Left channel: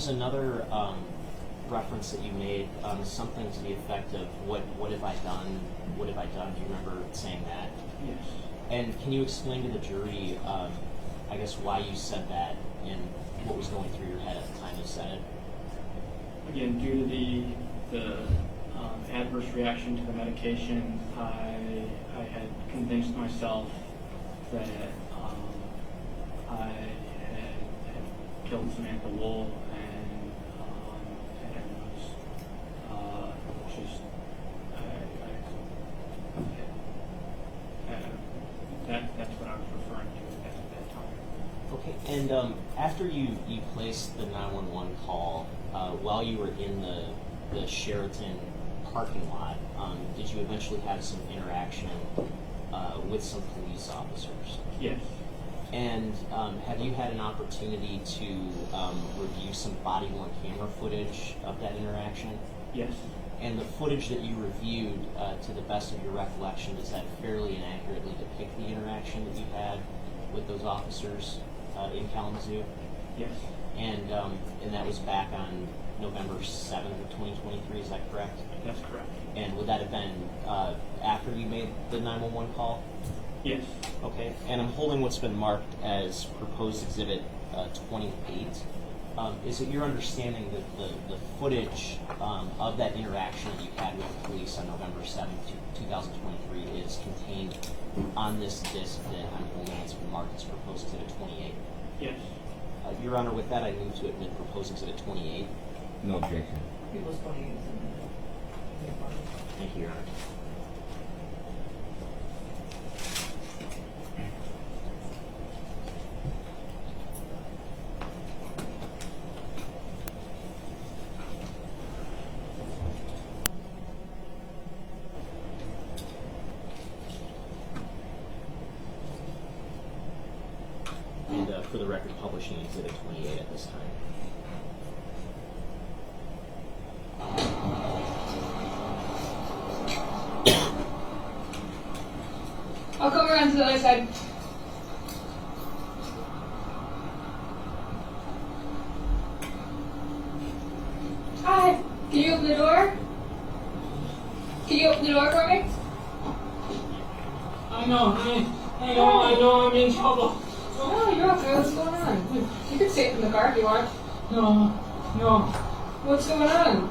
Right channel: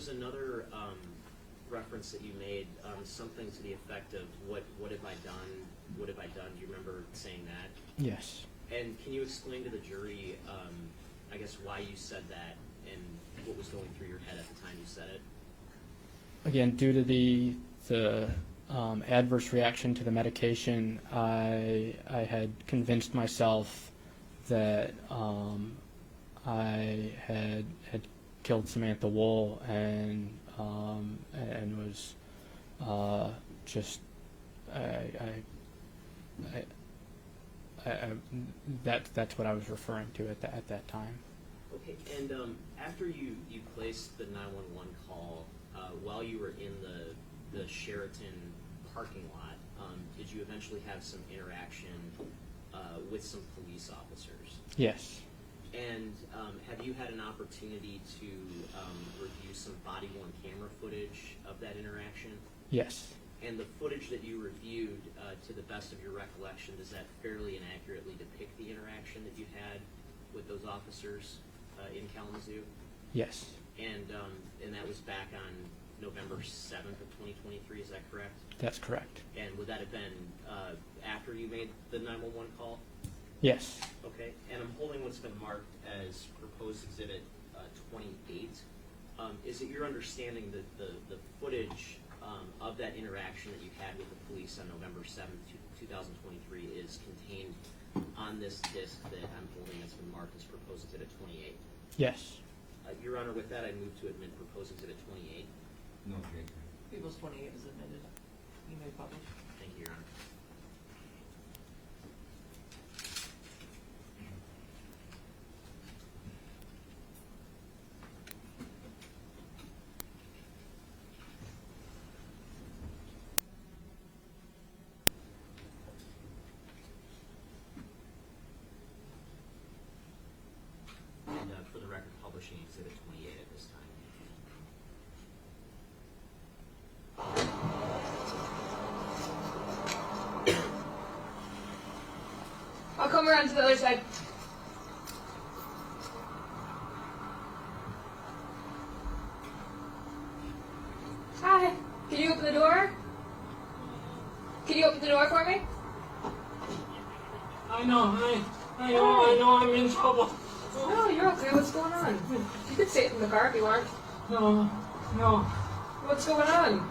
was another reference that you made, something to the effect of what have I done? What have I done? Do you remember saying that? Yes. And can you explain to the jury, I guess, why you said that and what was going through your head at the time you said it? Again, due to the adverse reaction to the medication, I had convinced myself that I had killed Samantha Woll and was just that's what I was referring to at that time. Okay, and after you placed the 911 call, while you were in the Sheraton parking lot, did you eventually have some interaction with some police officers? Yes. And have you had an opportunity to review some body-worn camera footage of that interaction? Yes. And the footage that you reviewed, to the best of your recollection, does that fairly and accurately depict the interaction that you had with those officers in Kalamazoo? Yes. And that was back on November 7th of 2023, is that correct? That's correct. And would that have been after you made the 911 call? Yes. Okay, and I'm holding what's been marked as proposed exhibit 28. Is it your understanding that the footage of that interaction that you had with the police on November 7th, 2023 is contained on this disc that I'm holding that's been marked as proposed exhibit 28? Yes. Your Honor, with that I move to admit proposed exhibit 28. No objection. People's 28 is in there. Thank you, Your Honor. And for the record, publishing exhibit 28 at this time. I'll come around to the other side. Hi. Can you open the door? Can you open the door for me? I know I'm in trouble. No, you're okay. What's going on? You can stay in the car if you want. No. What's going on?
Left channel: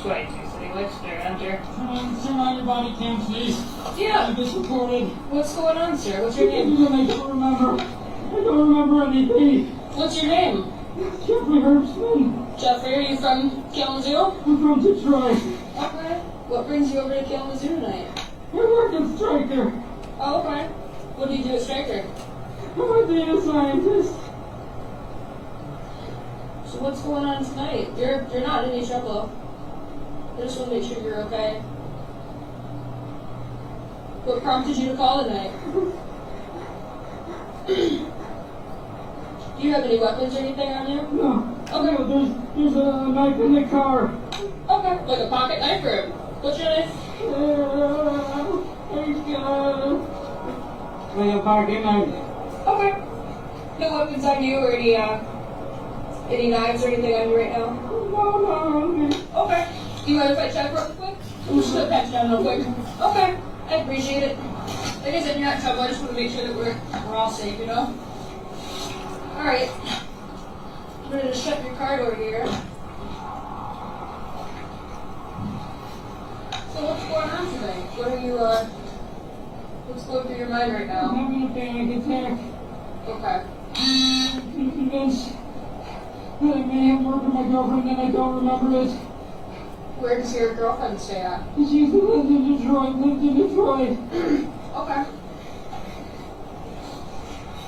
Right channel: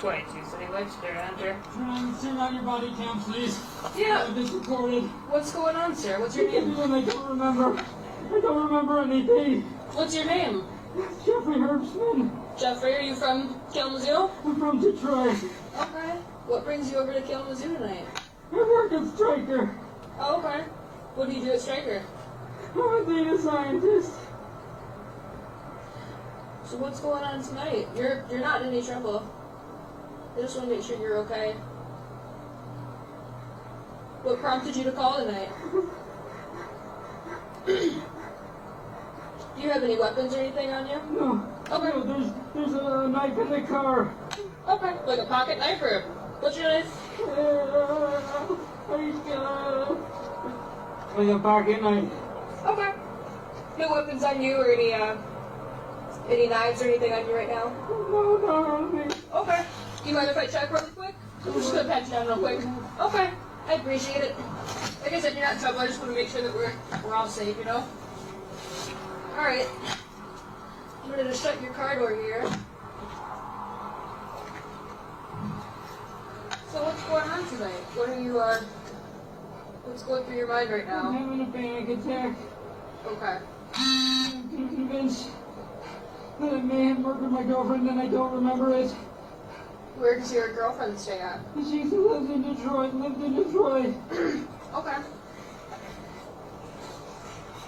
22 City Lights there, enter. Turn on your body cam, please. Yeah. I've been recorded. What's going on, sir? What's your name? I don't remember anything. What's your name? Jeffrey Herbstman. Jeffrey, are you from Kalamazoo? I'm from Detroit. Okay. What brings you over to Kalamazoo tonight? I work at Stryker. Oh, okay. What do you do at Stryker? I'm a data scientist. So what's going on tonight? You're not in any trouble. I just want to make sure you're okay. What prompted you to call tonight? Do you have any weapons or anything on you? No. Okay. No, there's a knife in the car. Okay. Like a pocket knife or what's your knife? Like a pocket knife. Okay. No weapons on you or any knives or anything on you right now? No. Okay. Do you mind if I check real quick? I'm just gonna pat you down real quick. Okay. I appreciate it. Like I said, you're not in trouble. I just want to make sure that we're all safe, you know? Alright. I'm gonna just shut your car door here. So what's going on tonight? What are you, what's going through your mind right now? I'm having a panic attack. Okay. I'm convinced that I may have murdered my girlfriend and I don't remember it. Where does your girlfriend stay at? She lived in Detroit. Okay.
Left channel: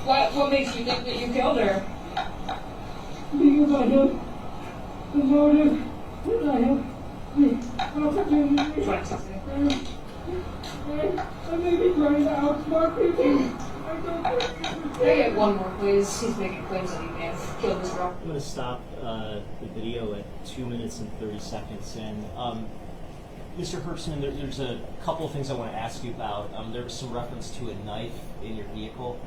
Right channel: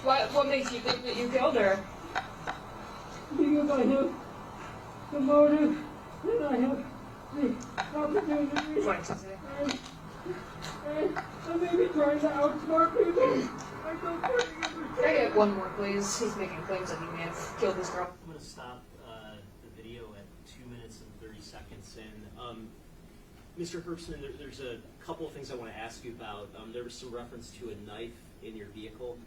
What makes you think that you killed her? Because I have the motive and I have the opportunity. I may be trying to outsmart people. Can I get one more, please? He's making claims that he may have killed this girl. I'm going to stop the video at 2 minutes and 30 seconds. And Mr. Herbstman, there's a couple of things I want to ask you about. There was some reference to a knife in your vehicle.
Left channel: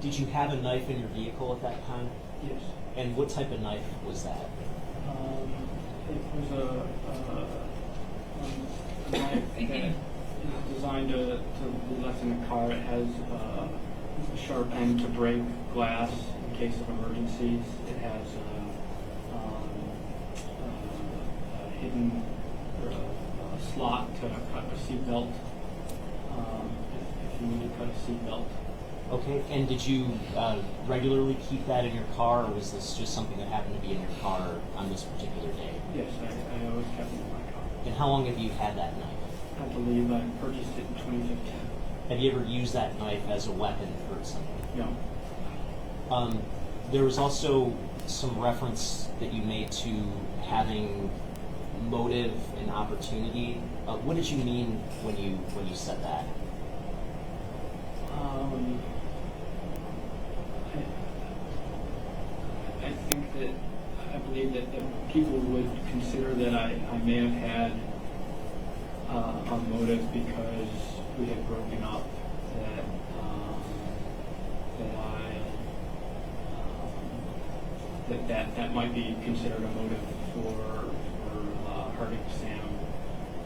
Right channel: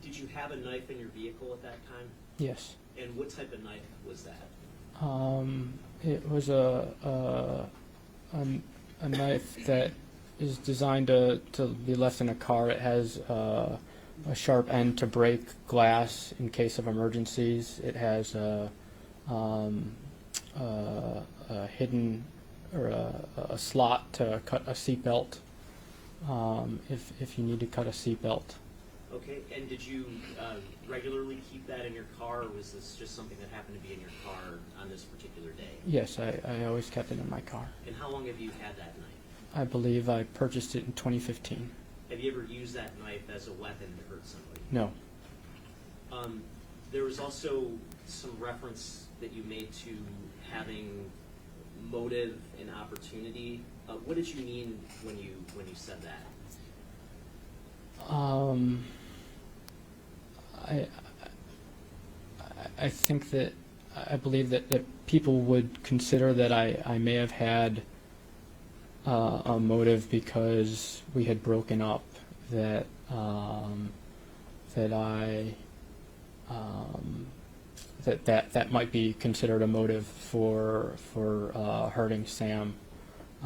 Did you have a knife in your vehicle at that time? Yes. And what type of knife was that? It was a knife that is designed to be left in a car. It has a sharp end to break glass in case of emergencies. It has a hidden or a slot to cut a seatbelt if you need to cut a seatbelt. Okay, and did you regularly keep that in your car, or was this just something that happened to be in your car on this particular day? Yes, I always kept it in my car. And how long have you had that knife? I believe I purchased it in 2015. Have you ever used that knife as a weapon to hurt someone? No. There was also some reference that you made to having motive and opportunity. What did you mean when you said that? I think that I believe that people would consider that I may have had a motive because we had broken up. That might be considered a motive for hurting Sam,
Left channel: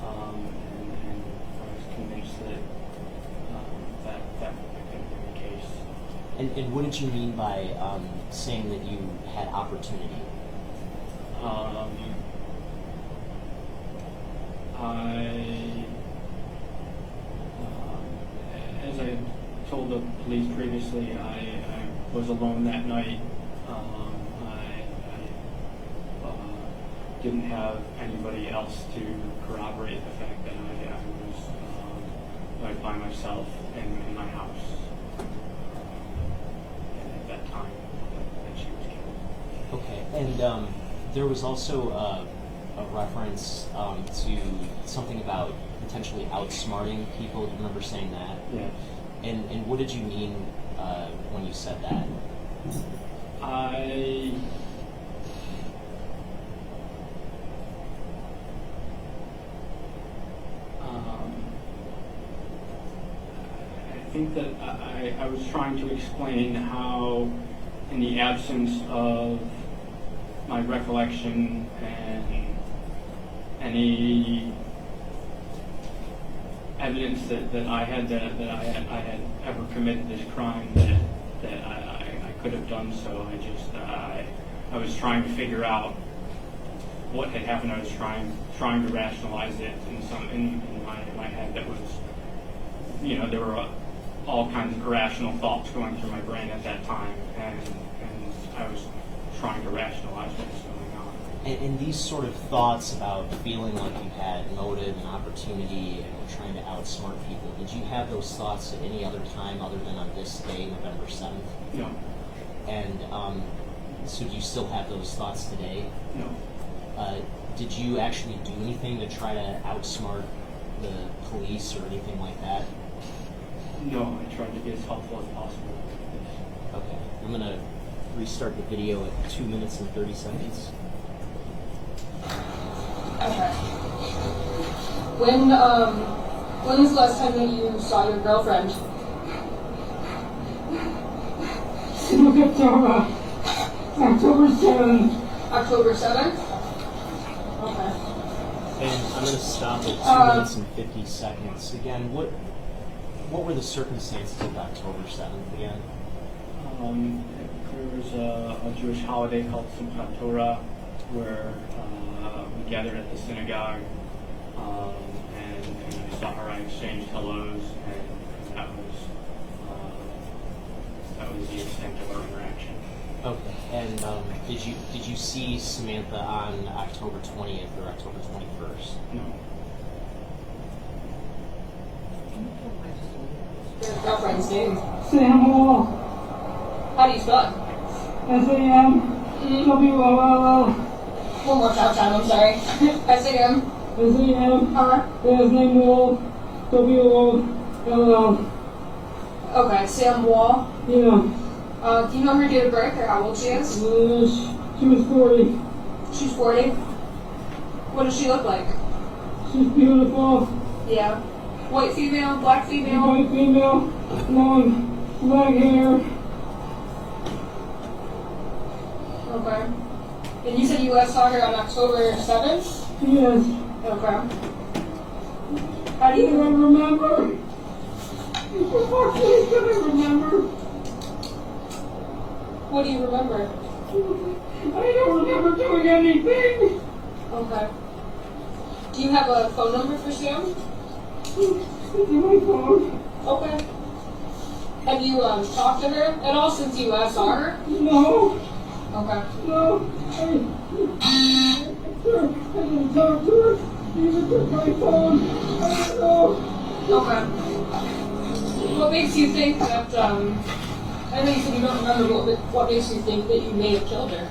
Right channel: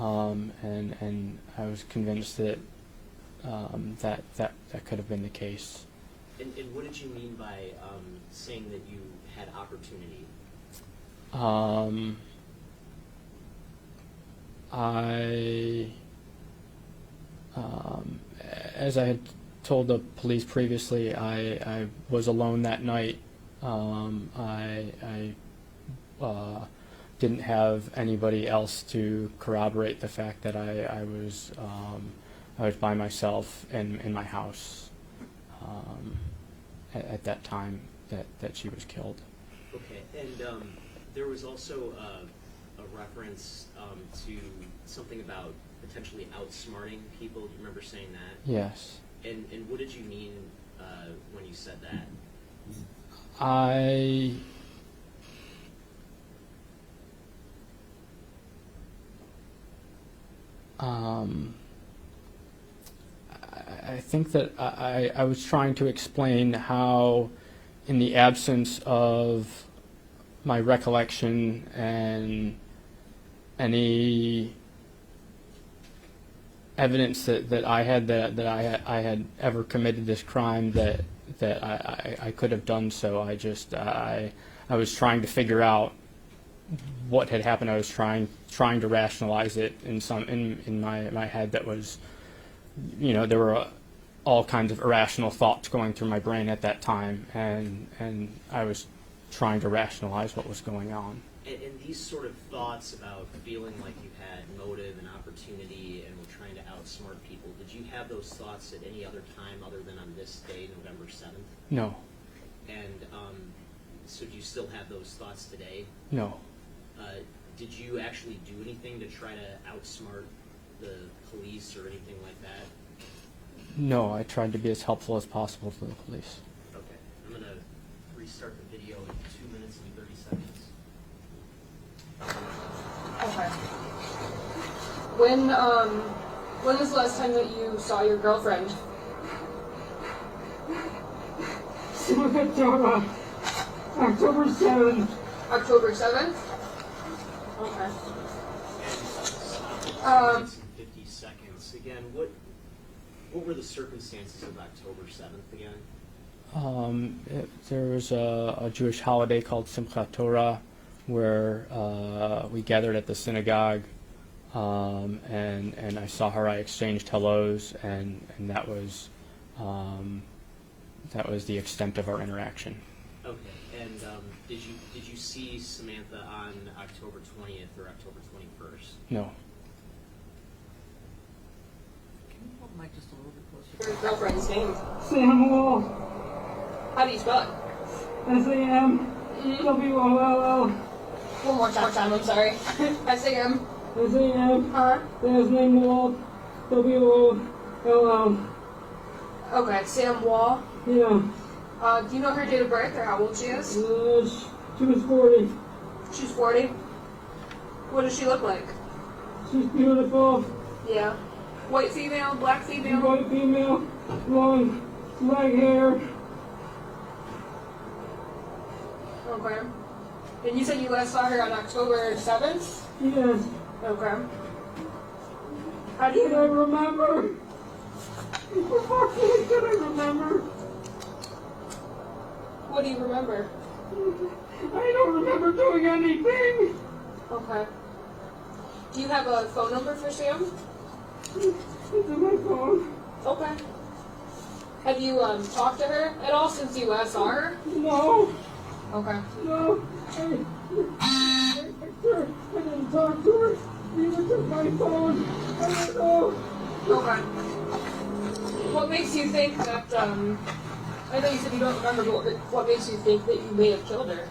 and I was convinced that that could have been the case. And what did you mean by saying that you had opportunity? As I had told the police previously, I was alone that night. I didn't have anybody else to corroborate the fact that I was by myself in my house at that time that she was killed. Okay, and there was also a reference to something about potentially outsmarting people. Do you remember saying that? Yes. And what did you mean when you said that? I think that I was trying to explain how, in the absence of my recollection and any evidence that I had that I had ever committed this crime, that I could have done so. I was trying to figure out what had happened. I was trying to rationalize it in my head. That was, there were all kinds of irrational thoughts going through my brain at that time, and I was trying to rationalize what was going on. And these sort of thoughts about feeling like you had motive and opportunity and trying to outsmart people, did you have those thoughts at any other time other than on this day, November 7th? No. And so do you still have those thoughts today? No. Did you actually do anything to try to outsmart the police or anything like that? No, I tried to be as helpful as possible for the police. Okay. I'm going to restart the video at 2 minutes and 30 seconds. Okay. When was the last time that you saw your girlfriend? October 7th. October 7th? Okay. And I'm going to stop at 2 minutes and 50 seconds. Again, what were the circumstances of October 7th again? There was a Jewish holiday called Simchat Torah, where we gathered at the synagogue, and I saw her. I exchanged hellos, and that was the extent of our interaction. Okay. And did you see Samantha on October 20th or October 21st? No. Your girlfriend's name? Sam Woll. How do you spell it? S-A-M-W-O-L-L. One more time, I'm sorry. S-A-M. S-A-M. Huh? Last name Woll. W-O-L-L. Okay, Sam Woll. Yeah. Do you know her date of birth or how old she is? She was 40. She's 40. What does she look like? She's beautiful. Yeah. White female, black female? White female, blonde. black hair. Okay. And you said you last saw her on October 7th? Yes. Okay. How do I you remember. Can I remember? What do you remember? I don't remember doing anything. Okay. Do you have a phone number for Sam? It's in my phone. Okay. Have you talked to her at all since you last saw her? No. Okay. No. I didn't talk to her. Even took my phone. I don't know. Okay. What makes you think that, I know you said you don't remember, but what makes you think that you may have killed her?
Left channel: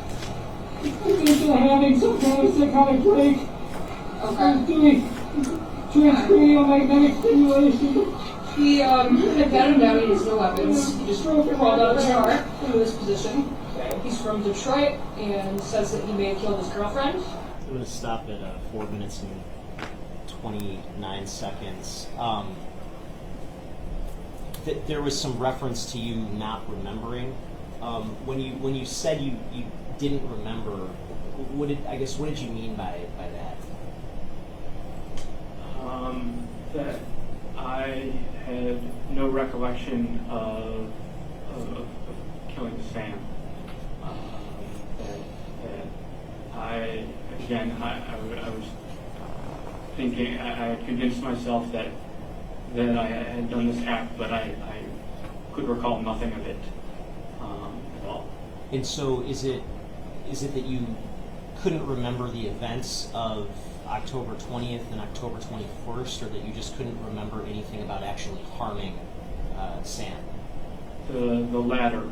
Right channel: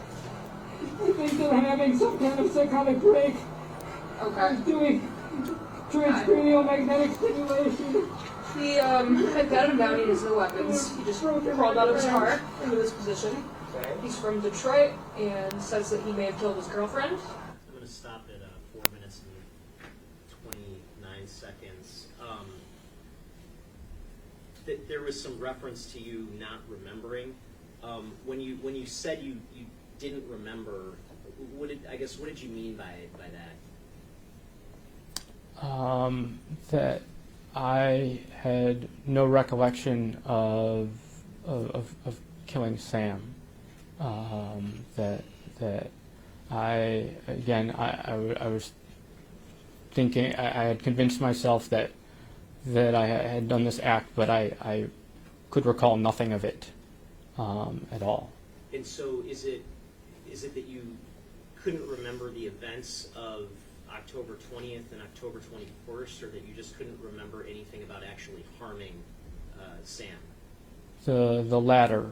I think they're having some kind of psychotic break. Okay. I'm doing transcranial magnetic stimulation. He had got him down, he has no weapons. He just crawled out of his car into this position. He's from Detroit and says that he may have killed his girlfriend. I'm going to stop at 4 minutes and 29 seconds. There was some reference to you not remembering. When you said you didn't remember, what did you mean by that? That I had no recollection of killing Sam. That I was thinking, I had convinced myself that I had done this act, but I could recall nothing of it at all. And so is it that you couldn't remember the events of October 20th and October 21st, or that you just couldn't remember anything about actually harming Sam? The latter.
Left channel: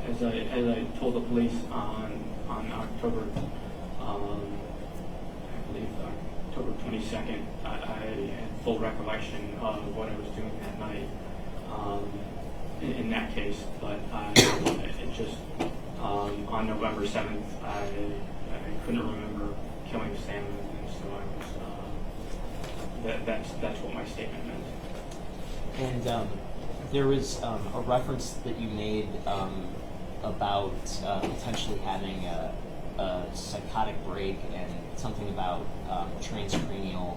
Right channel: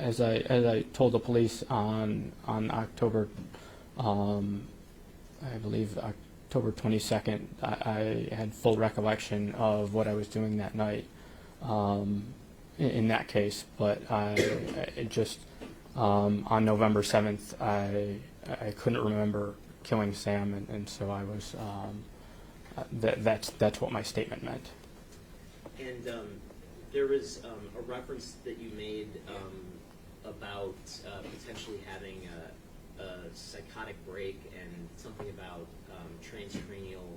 As I told the police on October, I believe October 22nd, I had full recollection of what I was doing that night. In that case, but it just on November 7th, I couldn't remember killing Sam, and so I was. That's what my statement meant. And there was a reference that you made about potentially having a psychotic break and something about transcranial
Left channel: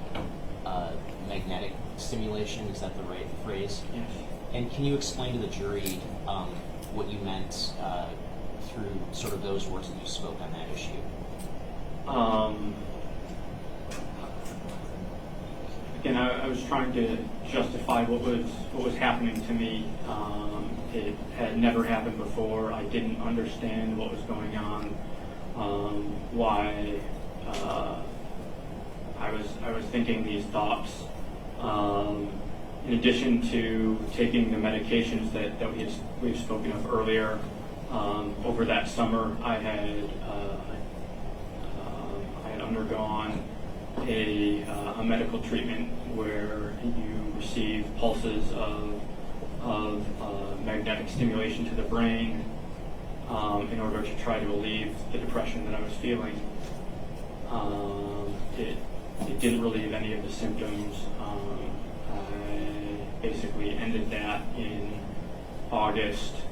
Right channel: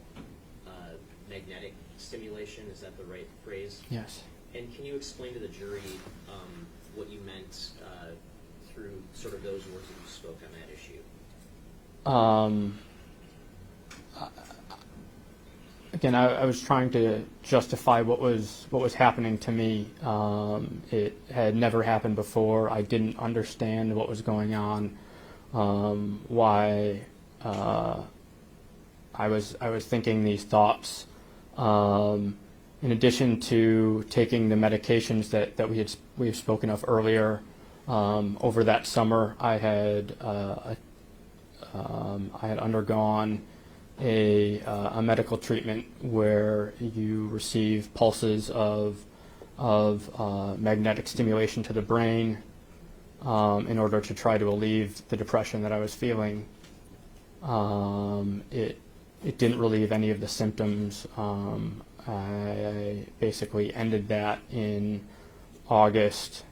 magnetic stimulation. Is that the right phrase? Yes. And can you explain to the jury what you meant through sort of those words that you spoke on that issue? Again, I was trying to justify what was happening to me. It had never happened before. I didn't understand what was going on. Why I was thinking these thoughts. In addition to taking the medications that we've spoken of earlier, over that summer I had undergone a medical treatment where you receive pulses of magnetic stimulation to the brain in order to try to relieve the depression that I was feeling. It didn't relieve any of the symptoms. I basically ended that in August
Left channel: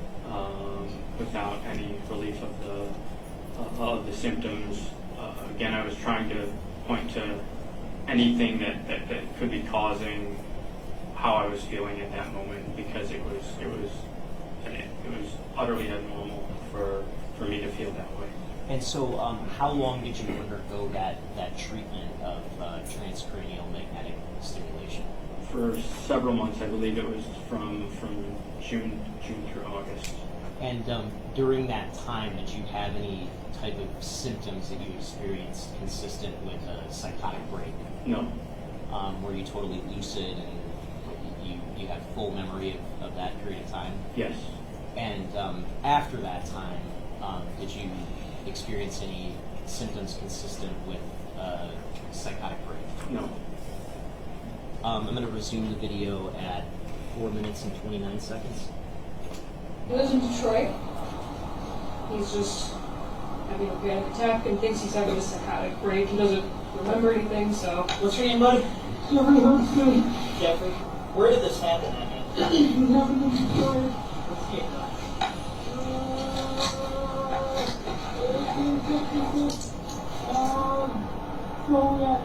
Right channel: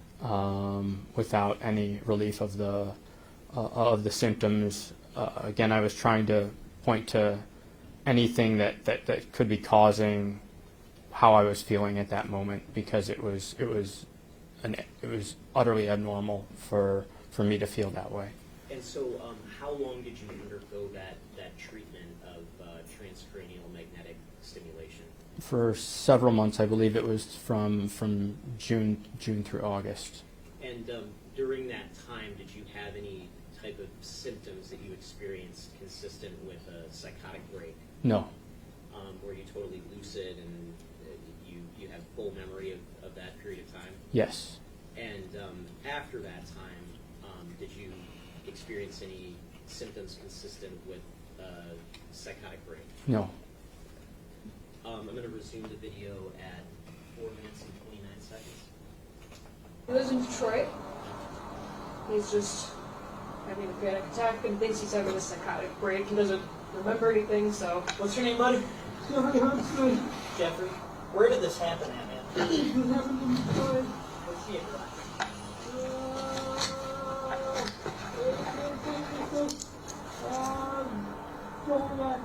without any relief of the symptoms. Again, I was trying to point to anything that could be causing how I was feeling at that moment, because it was utterly abnormal for me to feel that way. And so, how long did you undergo that treatment of transcranial magnetic stimulation? For several months. I believe it was from June through August. And during that time, did you have any type of symptoms that you experienced consistent with a psychotic break? No. Were you totally lucid and you had full memory of that period of time? Yes. And after that time, did you experience any symptoms consistent with psychotic break? No. I'm going to resume the video at 4 minutes and 29 seconds. He lives in Detroit. He's just having a panic attack and thinks he's having a psychotic break. He doesn't remember anything, so. What's your name, buddy? Jeffrey Herbstman. Jeffrey. Where did this happen at? It happened in Detroit. What's the address? 1866. Joliet.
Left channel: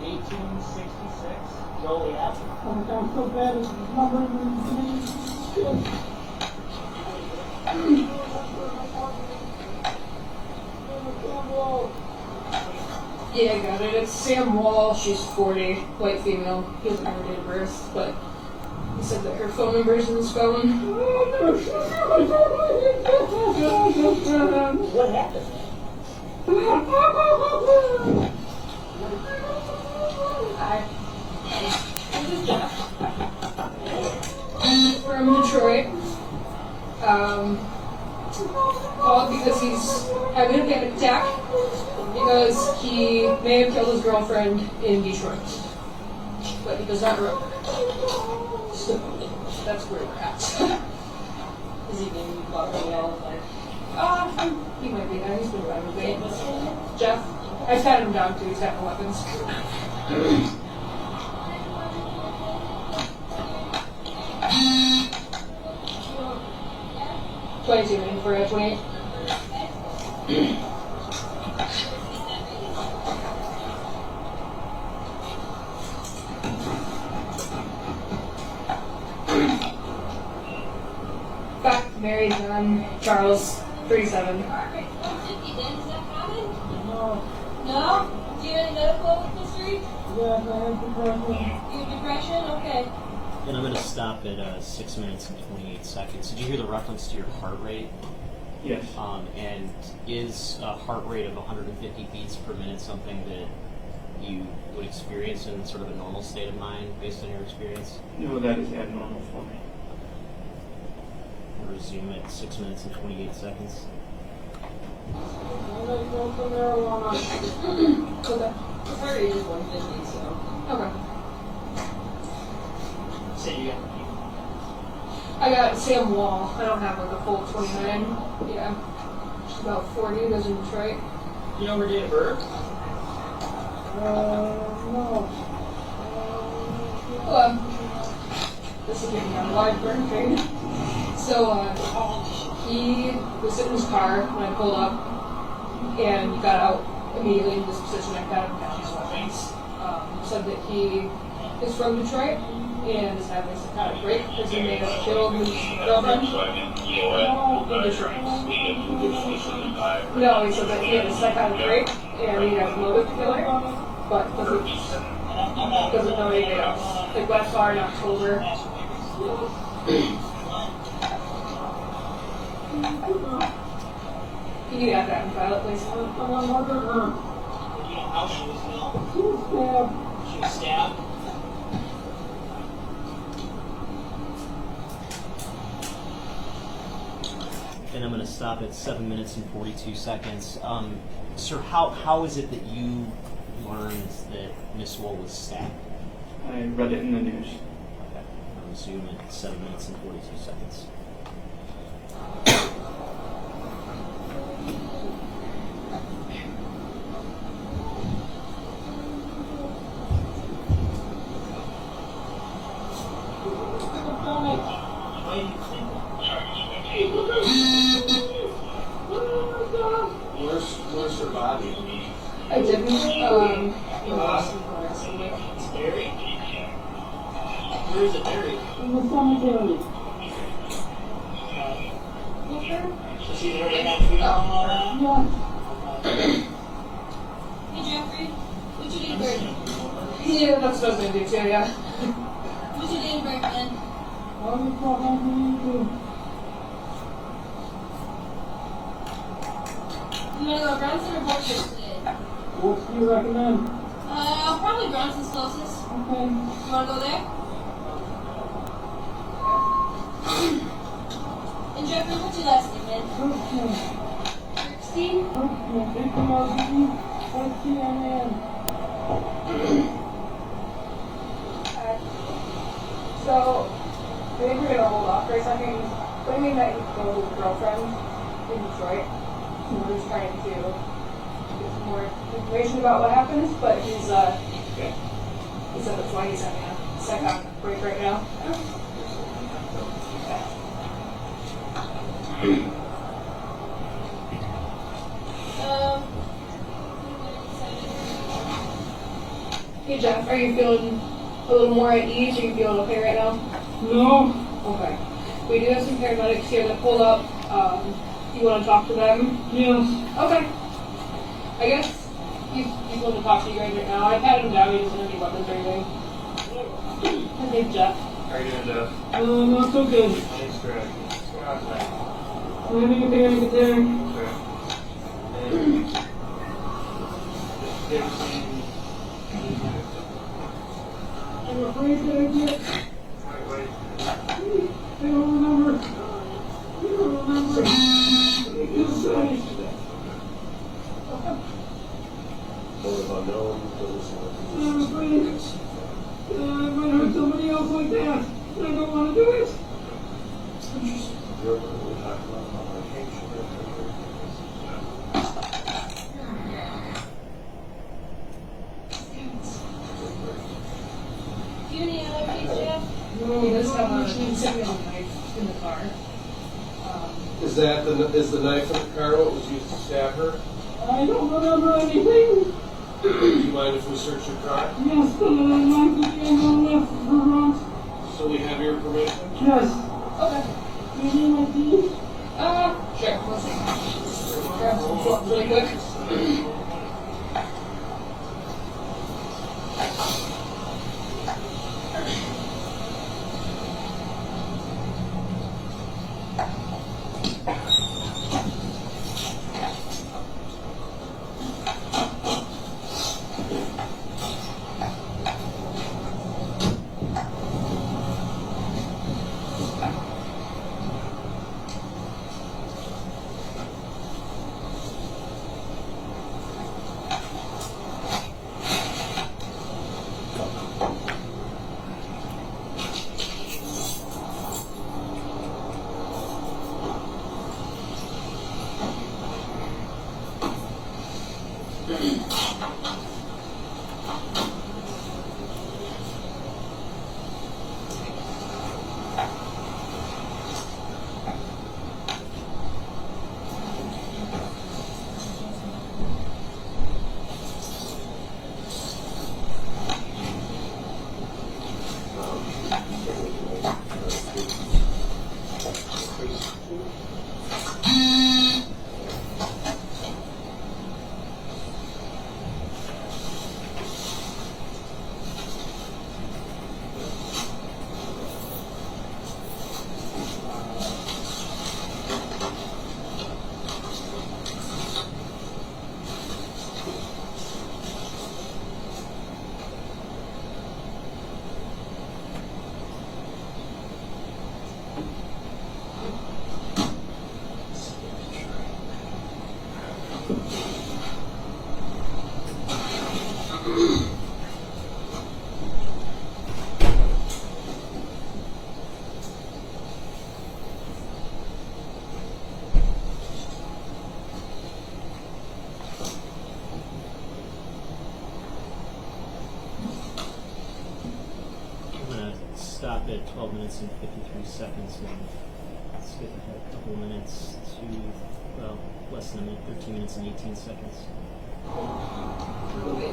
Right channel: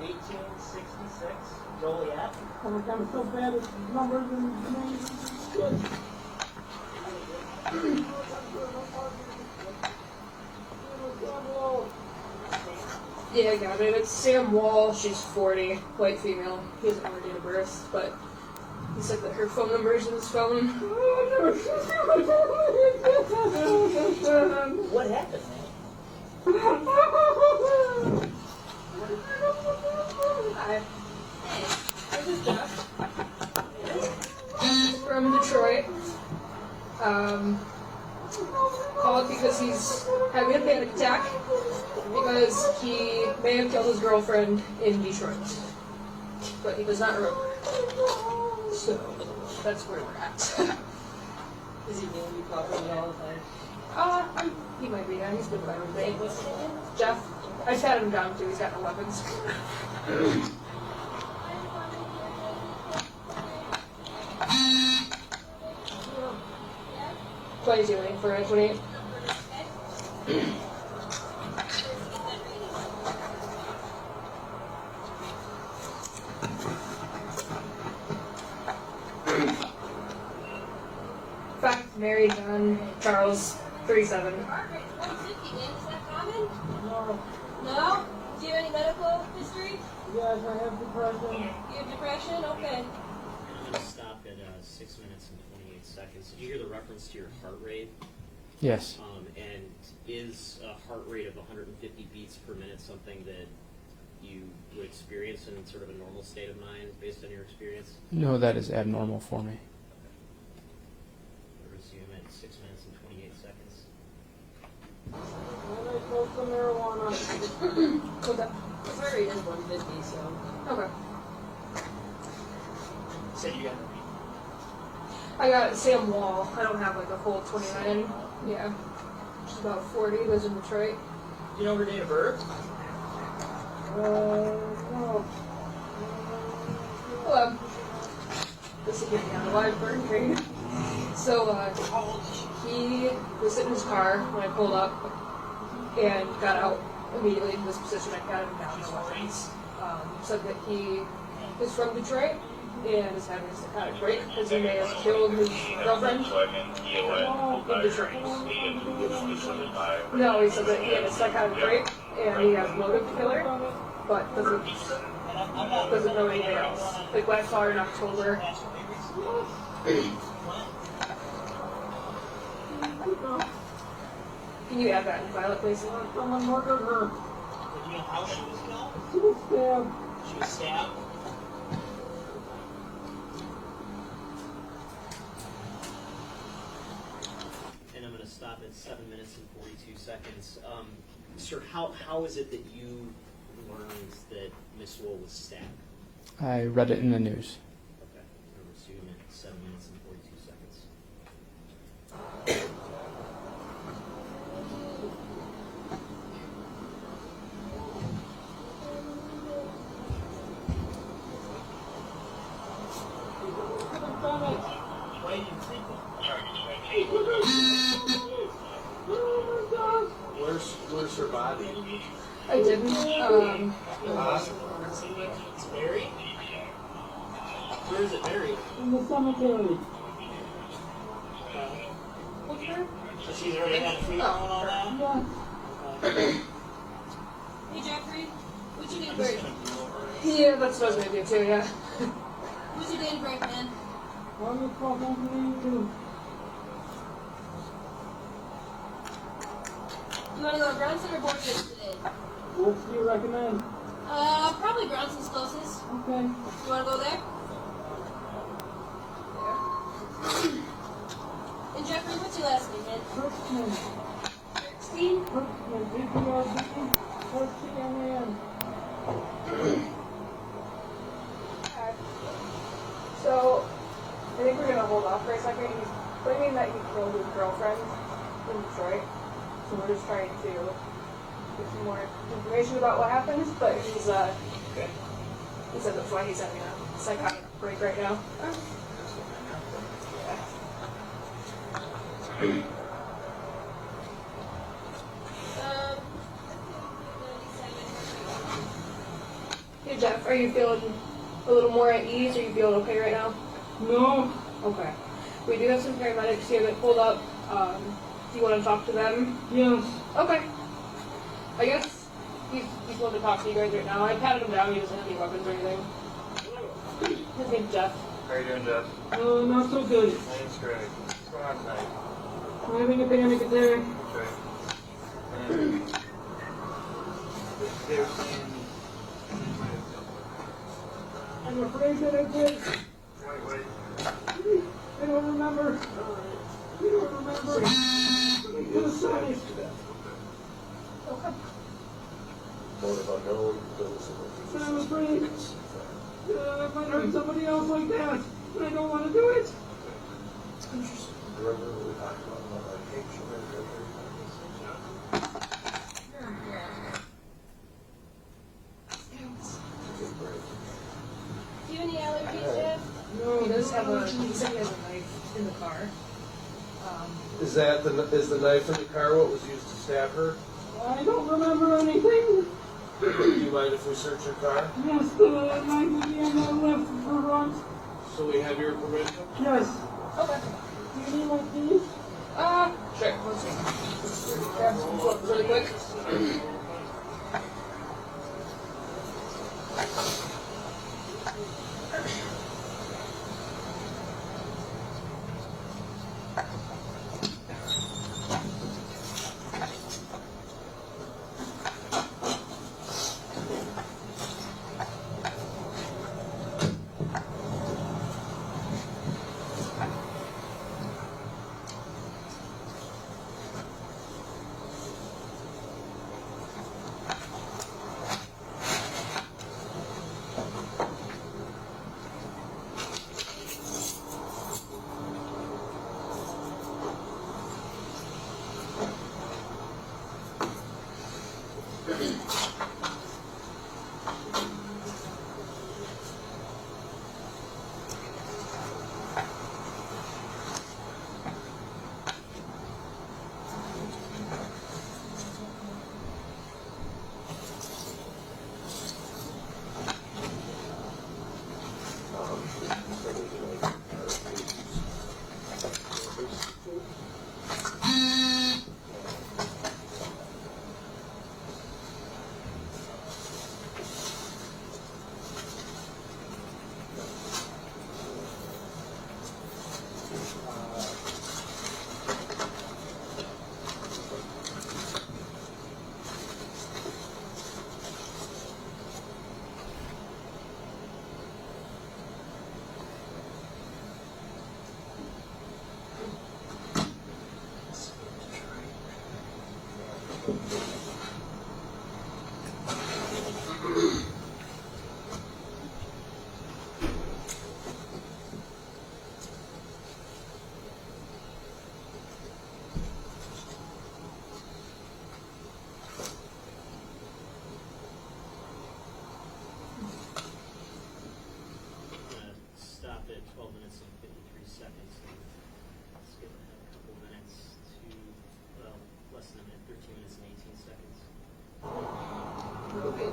1866. Joliet. Oh, it sounds so bad. It's numbered in the name. Shit. Yeah, I got it. It's Sam Woll. She's 40, white female. He hasn't her date of birth, but he said that her phone number is in his phone. What happened? Hi. This is Jeff. From Detroit. Called because he's having a panic attack because he may have killed his girlfriend in Detroit, but he does not remember. So that's where we're at. Is he being caught on the all the time? He might be. He's been around with me. Jeff, I patted him down too. He's got no weapons. 22 in for a 28. Fact, married, Charles, 37. No. No? Do you have any medical history? Yes, I have depression. You have depression? Okay. And I'm going to stop at 6 minutes and 28 seconds. Did you hear the reference to your heart rate? Yes. And is a heart rate of 150 beats per minute something that you would experience in sort of a normal state of mind based on your experience? No, that is abnormal for me. We'll resume at 6 minutes and 28 seconds. I might smoke some marijuana. Okay. His heart rate is 150, so. Okay. Say you got I got Sam Woll. I don't have like a full 29. Yeah. Just about 40. Lives in Detroit. You know her date of birth? No. Well, this is getting on a wide burn train. So, he was sitting in his car when I pulled up and got out immediately in this position. I got him down his weapons. Said that he is from Detroit and is having a psychotic break because he may have killed his girlfriend in Detroit. No, he said that he had a psychotic break and he has a motive to kill her, but doesn't know anything else. Like last far in October. Can you add that in file, please? I'm on murder her. You know how she was killed? She was stabbed. She was stabbed. And I'm going to stop at 7 minutes and 42 seconds. Sir, how is it that you learned that Miss Woll was stabbed? I read it in the news. Okay. I'll resume at 7 minutes and 42 seconds. Where's her body? I didn't, It's buried? Where is it buried? In the cemetery. So she's already had fever and all that? Yeah. Hey, Jeffrey. What's your date of birth? yeah, that's what I was going to do too, yeah. What's your date of birth then? Why do you call home to you? You want to go to Bronson or Borchers today? What do you recommend? Probably Bronson's closest. Okay. You want to go there? And Jeffrey, what's your last name, man? Herbstman. Kirkstein? Herbstman. H-E-R-B-E-S-T-M-A-N. So, I think we're going to hold off for a second. He's claiming that he killed his girlfriend in Detroit. So we're just trying to get more information about what happened, but he's Okay. he said that's why he's having a psychotic break right now. Hey Jeff, are you feeling a little more at ease? Are you feeling okay right now? No. Okay. We do have some paramedics here that pulled up. Do you want to talk to them? Yes. Okay. I guess he's willing to talk to you guys right now. I patted him down. He doesn't have any weapons or anything. His name's Jeff. How are you doing, Jeff? Not so good. Thanks, Greg. What's going on tonight? I'm having a panic attack. Okay. And they were saying I'm afraid that I did. I don't remember. I don't remember. They just say. I'm afraid I might hurt somebody else like that. I don't want to do it. Do you need other keys, Jeff? No, He does have a knife in the car. Is the knife in the car what was used to stab her? I don't remember anything. Do you mind if we search your car? Yes, the knife at the end of the left front. So we have your permission? Yes. Okay. You need my keys? Sure. Let's see. Grab some gloves really quick. Stop at 12 minutes and 53 seconds and skip ahead a couple of minutes to, well, less than a minute, 13 minutes and 18 seconds. Okay.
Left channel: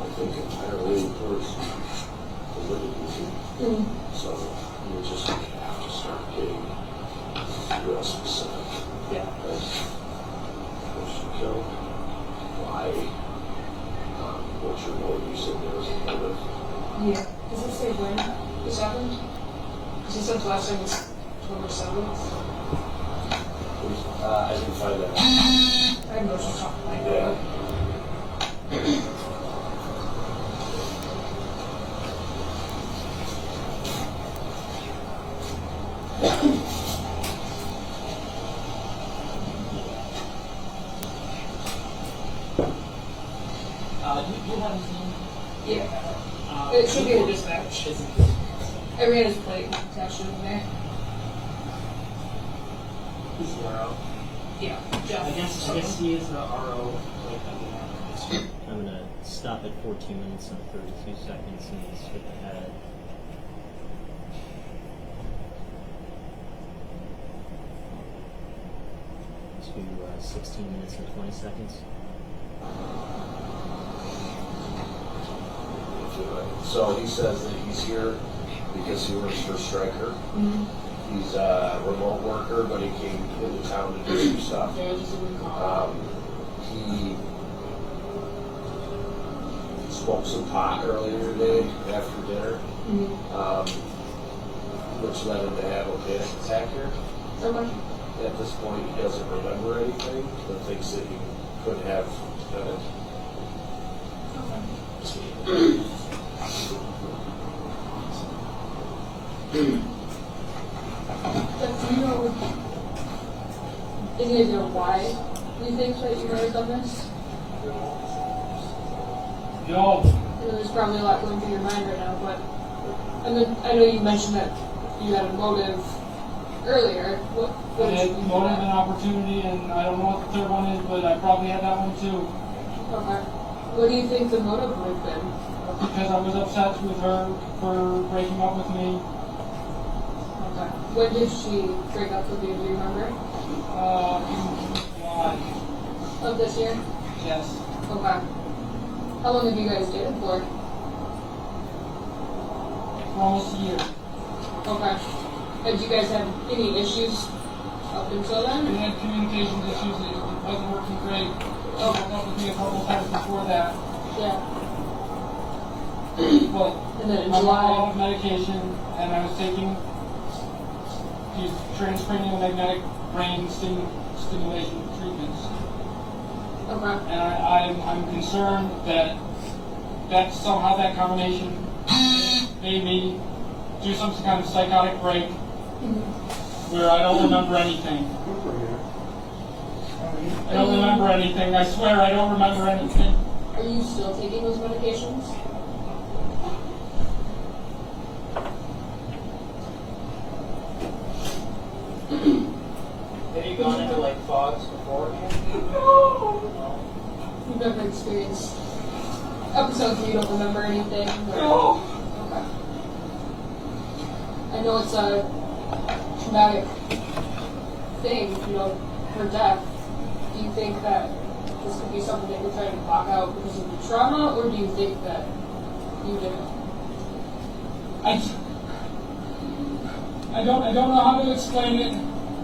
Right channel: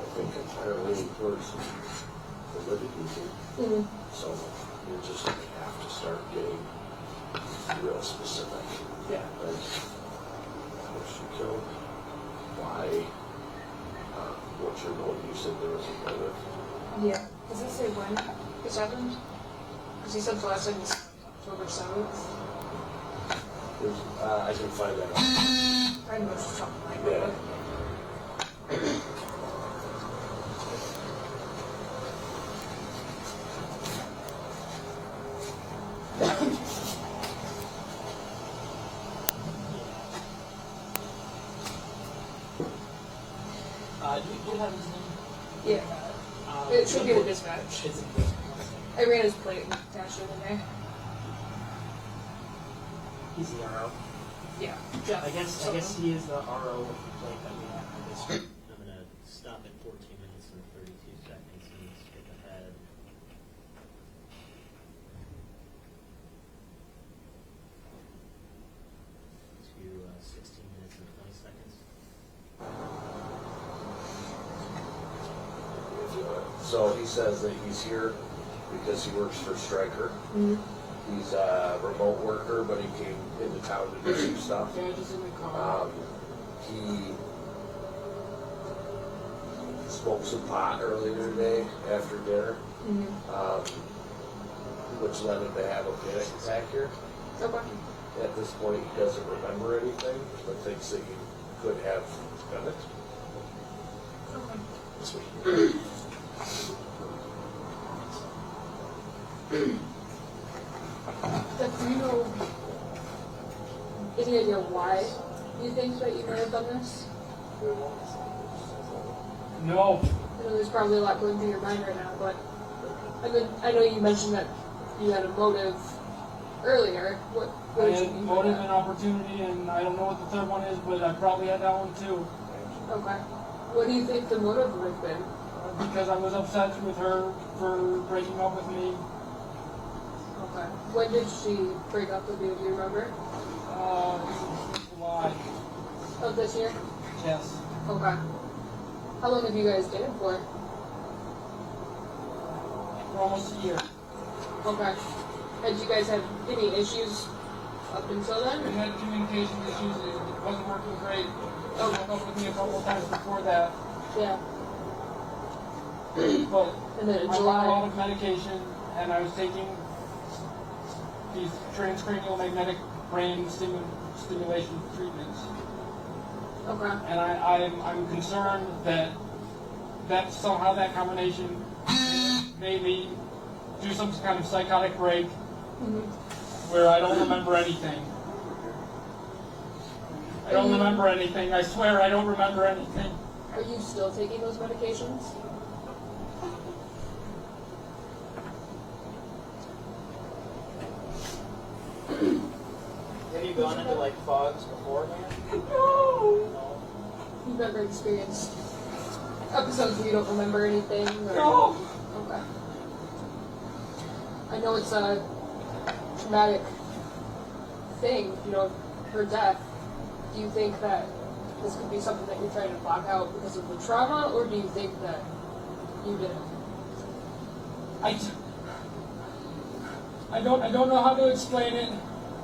I think entirely in person is really easy. So you're just going to have to start getting real specific. Yeah. What she killed, why, what's your motive? You said there was a motive. Yeah. Does it say when this happened? Because he said the last time was October 7th. I can find out. I have no talk about Yeah. it. Do you have his name? Yeah. He's the RO. Yeah. I guess he is the RO. I'm going to stop at 14 minutes and 32 seconds and skip ahead. To 16 minutes and 20 seconds. So he says that he's here because he works for Stryker. Mm-hmm. He's a remote worker, but he came into town to do some stuff. He smoked some pot earlier today after dinner, which led him to have a panic attack here. Okay. At this point, he doesn't remember anything, but thinks that he could have done it. But do you know, do you know why you think that you might have done this? No. I know there's probably a lot going through your mind right now, but, and then I know you mentioned that you had a motive earlier. What I did had you motive and opportunity, and I don't know what the third one is, but I probably had that one too. Okay. What do you think the motive would have been? Because I was upset with her for breaking up with me. Okay. When did she break up with you? Do you remember? Why? Of this year? Yes. Okay. How long have you guys dated for? For almost a year. Okay. Had you guys had any issues up until We then? had communication issues. It wasn't working great. She broke up with me a couple of times before that. Yeah. But And then in I'm on a lot July. of medication, and I was taking these transcranial magnetic brain stimulation treatments. Okay. And I'm concerned that somehow that combination made me do some kind of psychotic break where I don't remember anything. I don't remember anything. I swear I don't remember anything. Are you still taking those medications? Have you gone into like fogs beforehand? You've never experienced episodes where you don't remember anything? Or... No. Okay. I know it's a traumatic thing, you know, her death. Do you think that this could be something that you're trying to block out because of the trauma, or do you think that you didn't? I don't know how to explain it.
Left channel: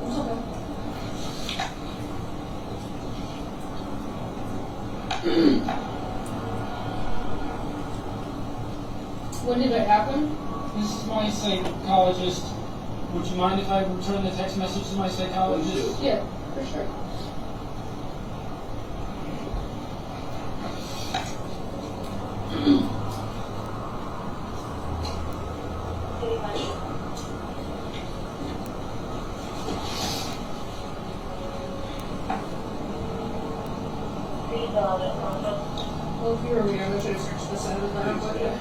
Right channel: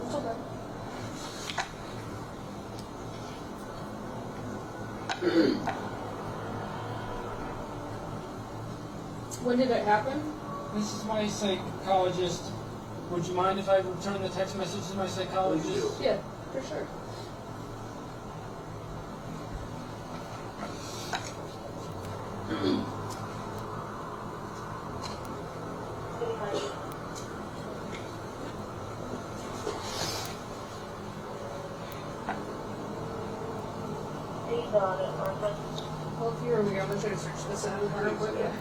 It's okay. When did it happen? This is my psychologist. Would you mind if I return the text message to my psychologist? Yeah, for sure. Well, if you were me, I should have searched this out of her, but yeah.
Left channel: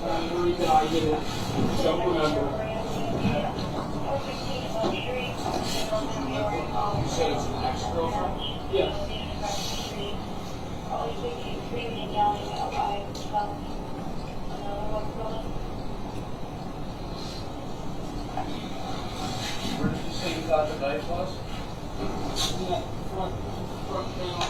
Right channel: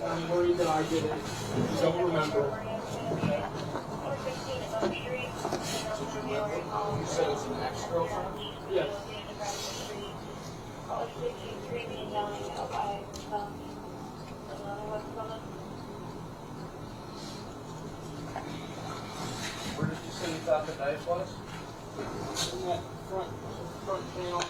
I'm worried that I did it. Don't remember. You said it's an ex-girlfriend? Yes. Where did you say you thought the knife was? In that front panel.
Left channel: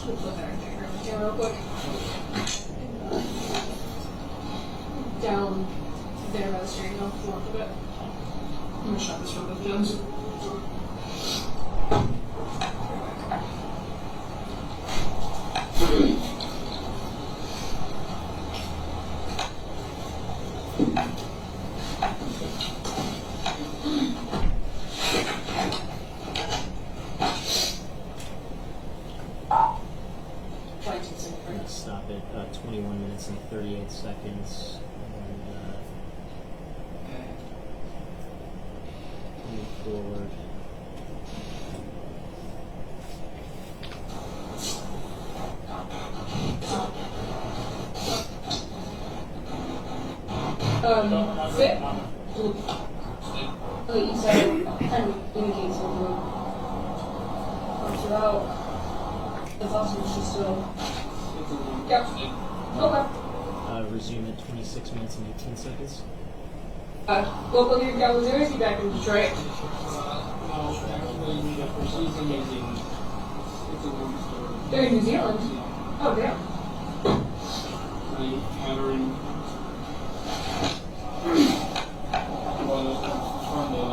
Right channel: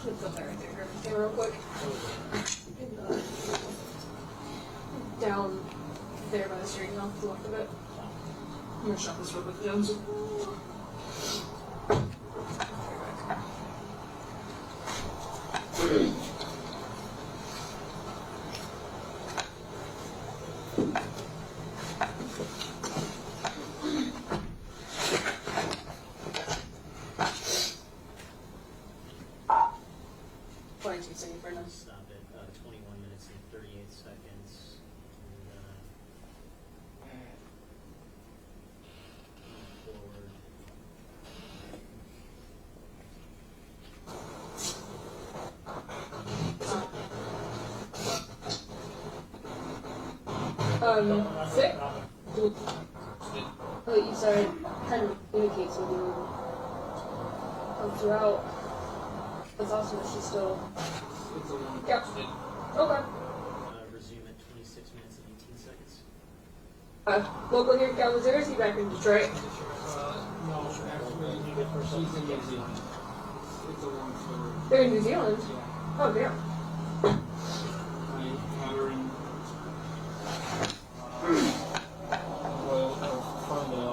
just gonna put that right there on the camera real quick. Down there by the steering wheel, north of it. I'm gonna shut this real quick, Jones. Stop at 21 minutes and 38 seconds. And move forward. Fit? Like you said, kind of indicates on the road. Throughout, that's awesome. She's still. Yep. Okay. Resume at 26 minutes and 18 seconds. Local here in Kalamazoo, is he back in Detroit? No, actually, she's in New Zealand. It's a long story. They're in New Zealand? Oh, yeah. Cameron was from the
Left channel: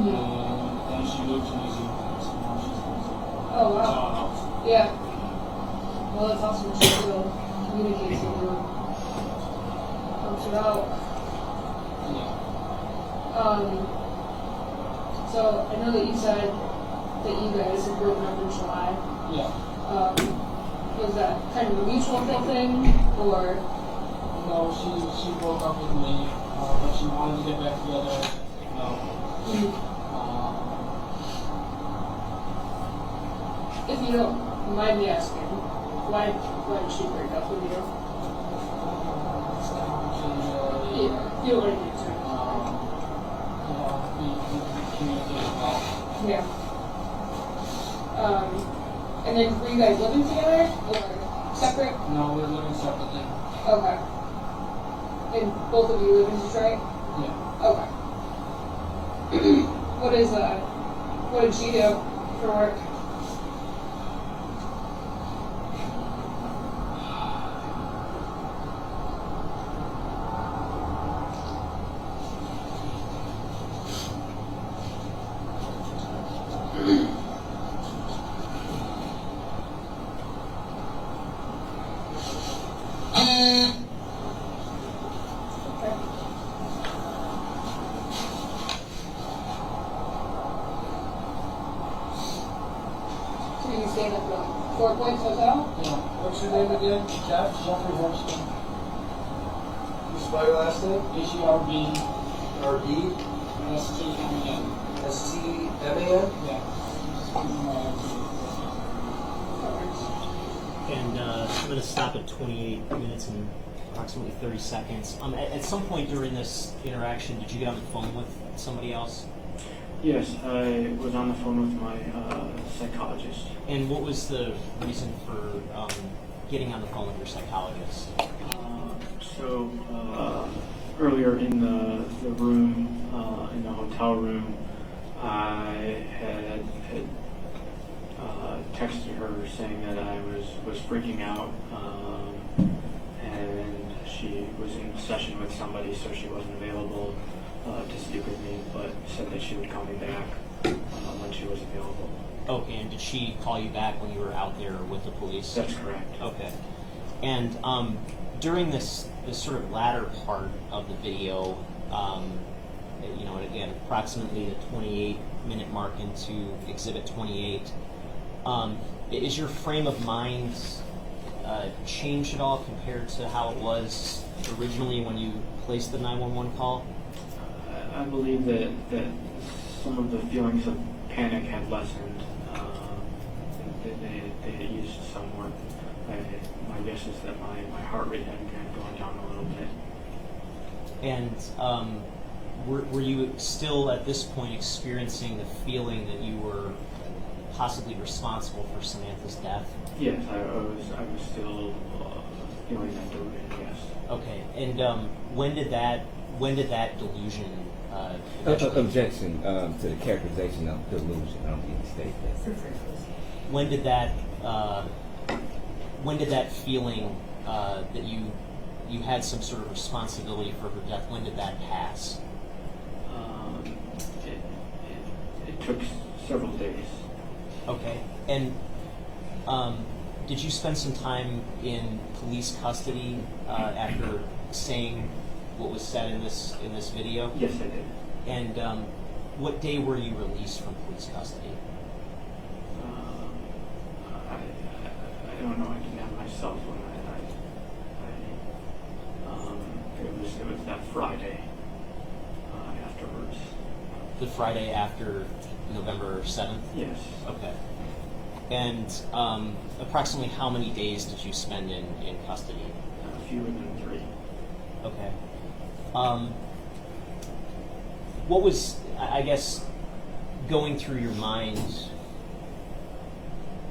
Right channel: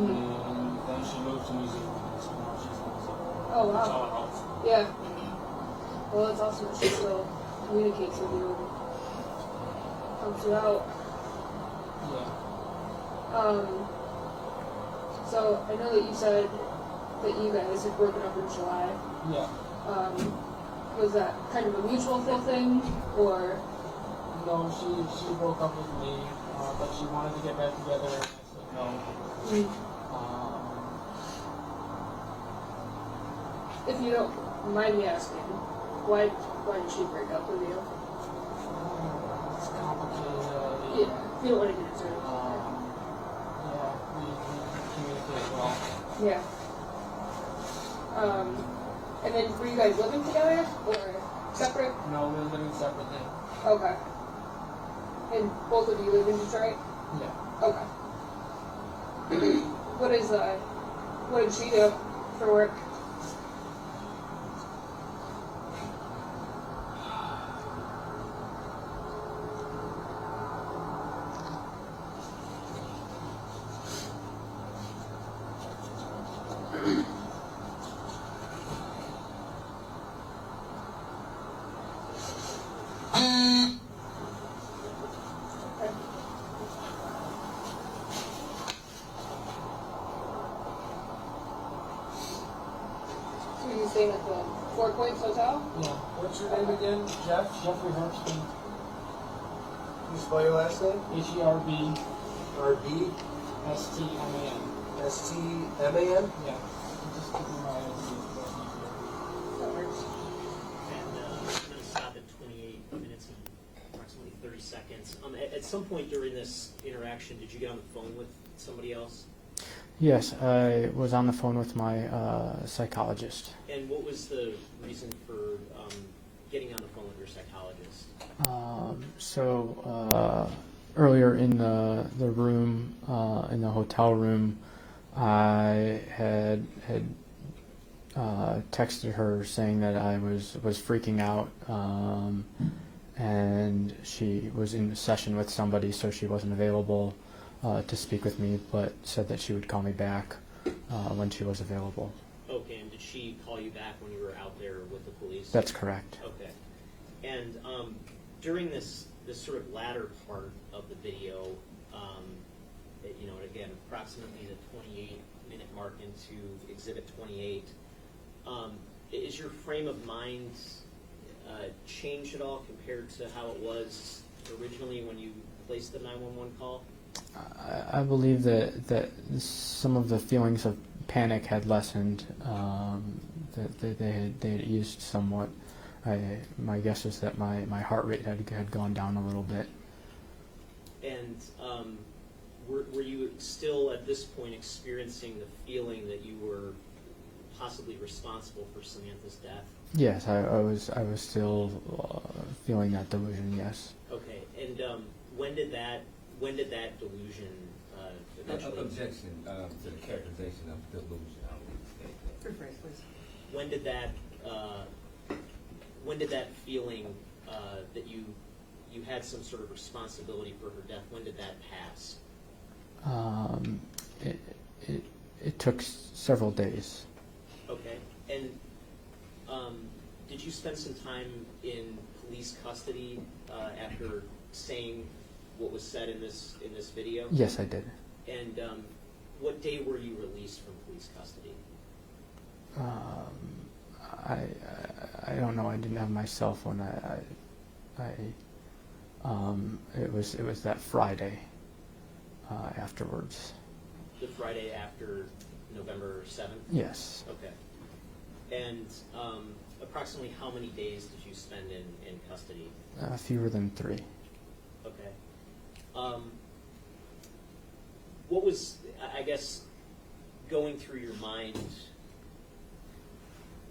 and she moved to New Zealand. So now she's in New Zealand. Oh, wow. Yeah. Well, that's awesome. She still communicates with you. Throughout. Yeah. So I know that you said that you guys had broken up in July. Yeah. Was that kind of a mutual thing, or? No, she broke up with me, but she wanted to get back together. No. If you don't mind me asking, why did she break up with you? Yeah, you don't want to get into it. Yeah, we communicated well. Yeah. And then were you guys living together or separate? No, we're living separately. Okay. And both of you live in Detroit? Yeah. Okay. What did she do for work? Were you staying at the Four Points Hotel? Yeah. What's your name again? Jeff? Jeffrey Herbstman. You spell your last name? H-E-R-B R-B? S-T-M-A-N. S-T-M-A-N? Yeah. And I'm going to stop at 28 minutes and approximately 30 seconds. At some point during this interaction, did you get on the phone with somebody else? Yes, I was on the phone with my psychologist. And what was the reason for getting on the phone with your psychologist? Earlier in the room, in the hotel room, I had texted her saying that I was freaking out, and she was in a session with somebody, so she wasn't available to speak with me, but said that she would call me back when she was available. Okay, and did she call you back when you were out there with the police? That's correct. Okay. And during this sort of latter part of the video, again, approximately the 28-minute mark into Exhibit 28, is your frame of mind changed at all compared to how it was originally when you placed the 911 call? I believe that some of the feelings of panic had lessened. That they had eased somewhat. My guess is that my heart rate had gone down a little bit. And were you still at this point experiencing the feeling that you were possibly responsible for Samantha's death? Yes, I was still feeling that delusion. Yes. Okay. And when did that delusion? Objection to the characterization of delusion. I don't think you state that. When did that when did that feeling that you had some sort of responsibility for her death, when did that pass? It took several days. Okay. And did you spend some time in police custody after saying what was said in this video? Yes, I did. And what day were you released from police custody? I don't know. I didn't have my cell phone. It was that Friday afterwards. The Friday after November 7th? Yes. Okay. And approximately how many days did you spend in custody? Fewer than 3. Okay. What was, I guess, going through your mind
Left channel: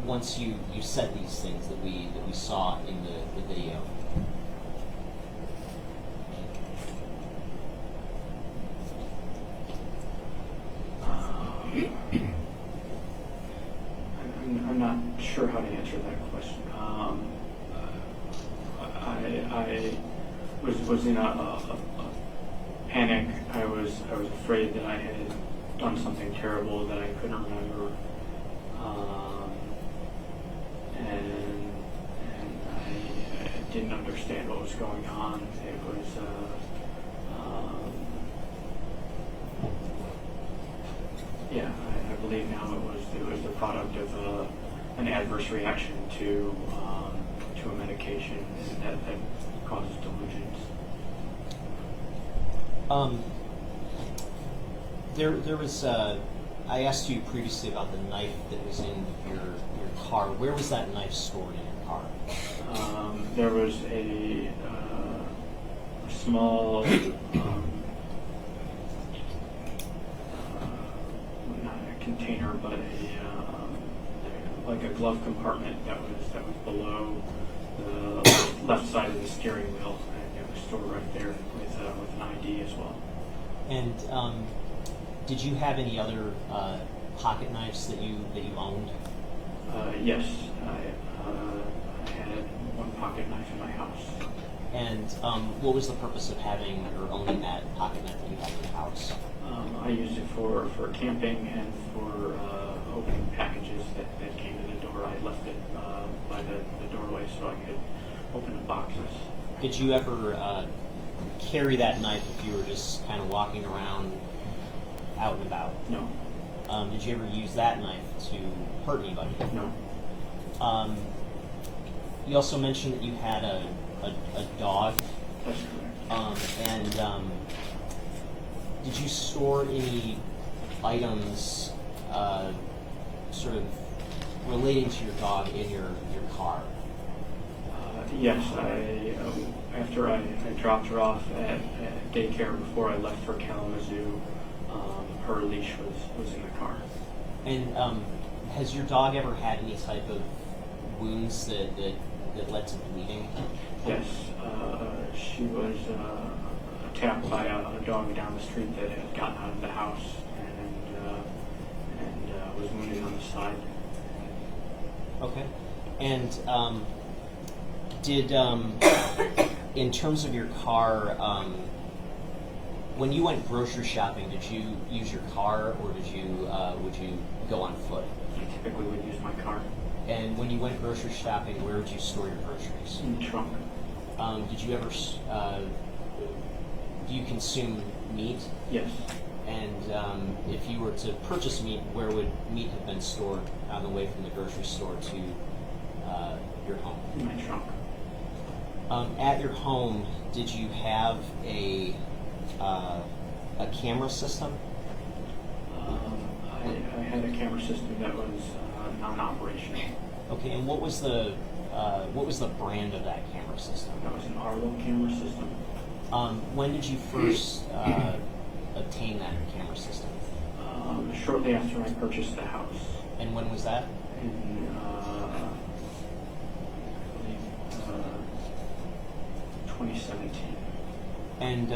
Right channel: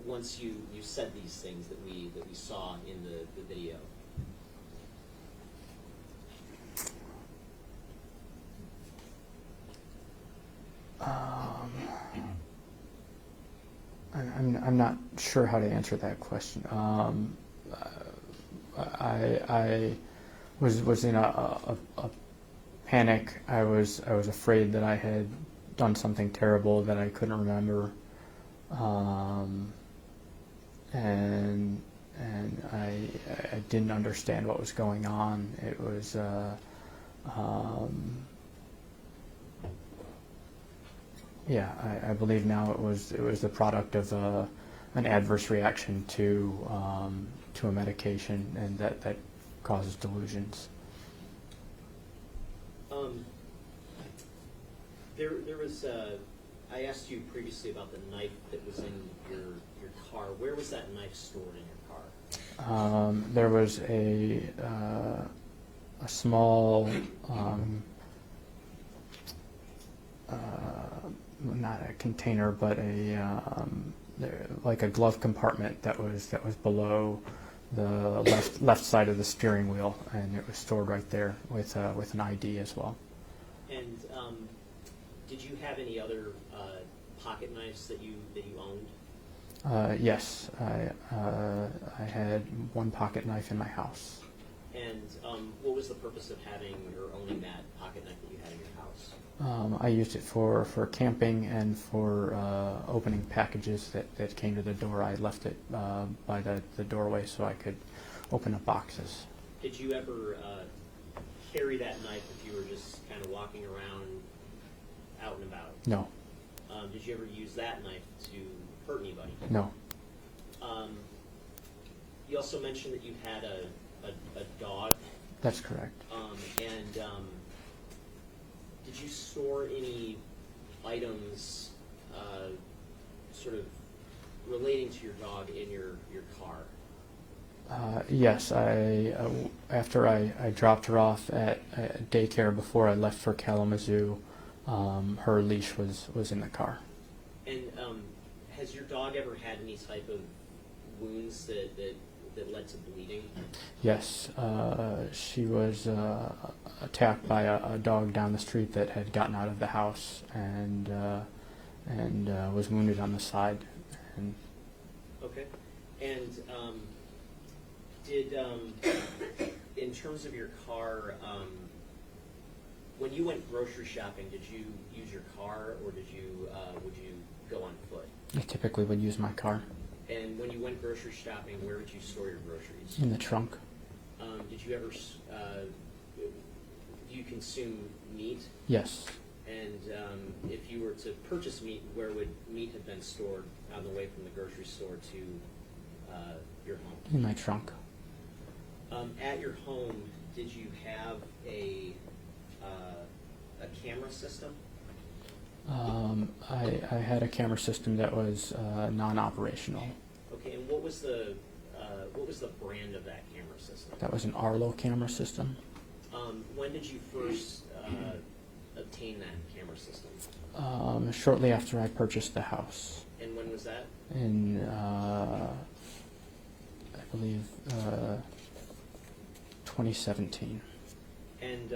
once you said these things that we saw in the video? I'm not sure how to answer that question. I was in a panic. I was afraid that I had done something terrible that I couldn't remember, and I didn't understand what was going on. It was yeah, I believe now it was the product of an adverse reaction to a medication, and that causes delusions. There was I asked you previously about the knife that was in your car. Where was that knife stored in your car? There was a small not a container, but like a glove compartment that was below the left side of the steering wheel, and it was stored right there with an ID as well. And did you have any other pocket knives that you owned? Yes, I had one pocket knife in my house. And what was the purpose of having or owning that pocket knife that you had in your house? I used it for camping and for opening packages that came to the door. I left it by the doorway so I could open up boxes. Did you ever carry that knife if you were just kind of walking around out and about? No. Did you ever use that knife to hurt anybody? No. You also mentioned that you had a dog. That's correct. And did you store any items sort of relating to your dog in your car? Yes, after I dropped her off at daycare before I left for Kalamazoo, her leash was in the car. And has your dog ever had any type of wounds that led to bleeding? Yes, she was attacked by a dog down the street that had gotten out of the house and was wounded on the side. Okay. And did in terms of your car, when you went grocery shopping, did you use your car or would you go on foot? I typically would use my car. And when you went grocery shopping, where would you store your groceries? In the trunk. Did you ever do you consume meat? Yes. And if you were to purchase meat, where would meat have been stored on the way from the grocery store to your home? In my trunk. At your home, did you have a camera system? I had a camera system that was non-operational. Okay, and what was the brand of that camera system? That was an Arlo camera system. When did you first obtain that camera system? Shortly after I purchased the house. And when was that? In, I believe, 2017. And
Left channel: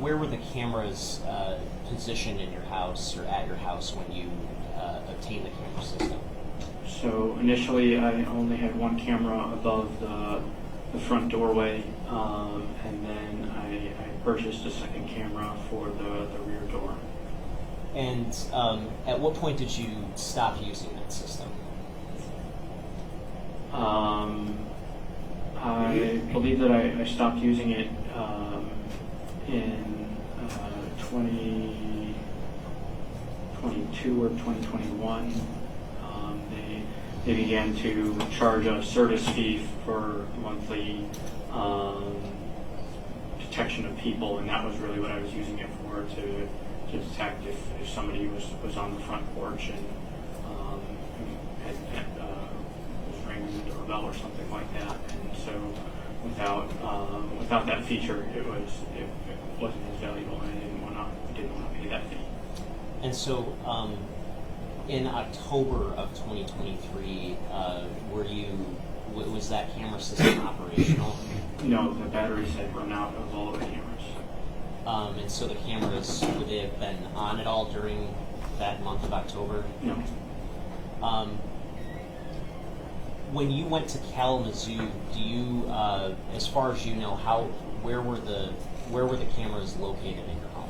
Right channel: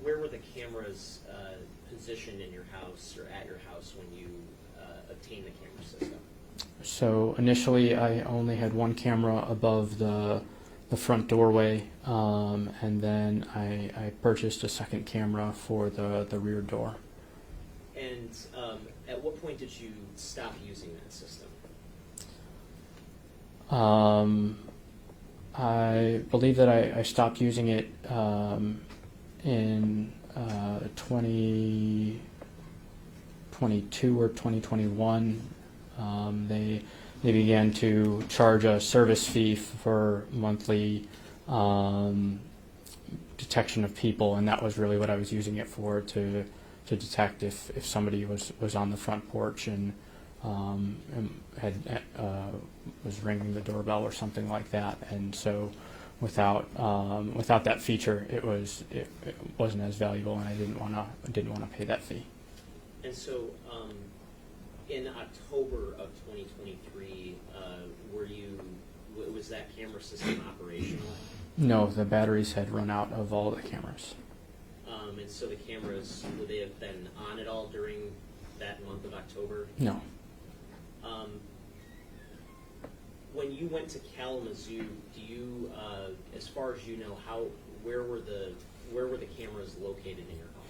where were the cameras positioned in your house or at your house when you obtained the camera system? So initially, I only had one camera above the front doorway, and then I purchased a second camera for the rear door. And at what point did you stop using that system? I believe that I stopped using it in 2022 or 2021. They began to charge a service fee for monthly detection of people, and that was really what I was using it for, to detect if somebody was on the front porch and was ringing the doorbell or something like that. And so without that feature, it wasn't as valuable, and I didn't want to pay that fee. And so, in October of 2023, was that camera system operational? No, the batteries had run out of all of the cameras. And so the cameras, would they have been on at all during that month of October? No. When you went to Kalamazoo, do you, as far as you know, where were the cameras located in your home?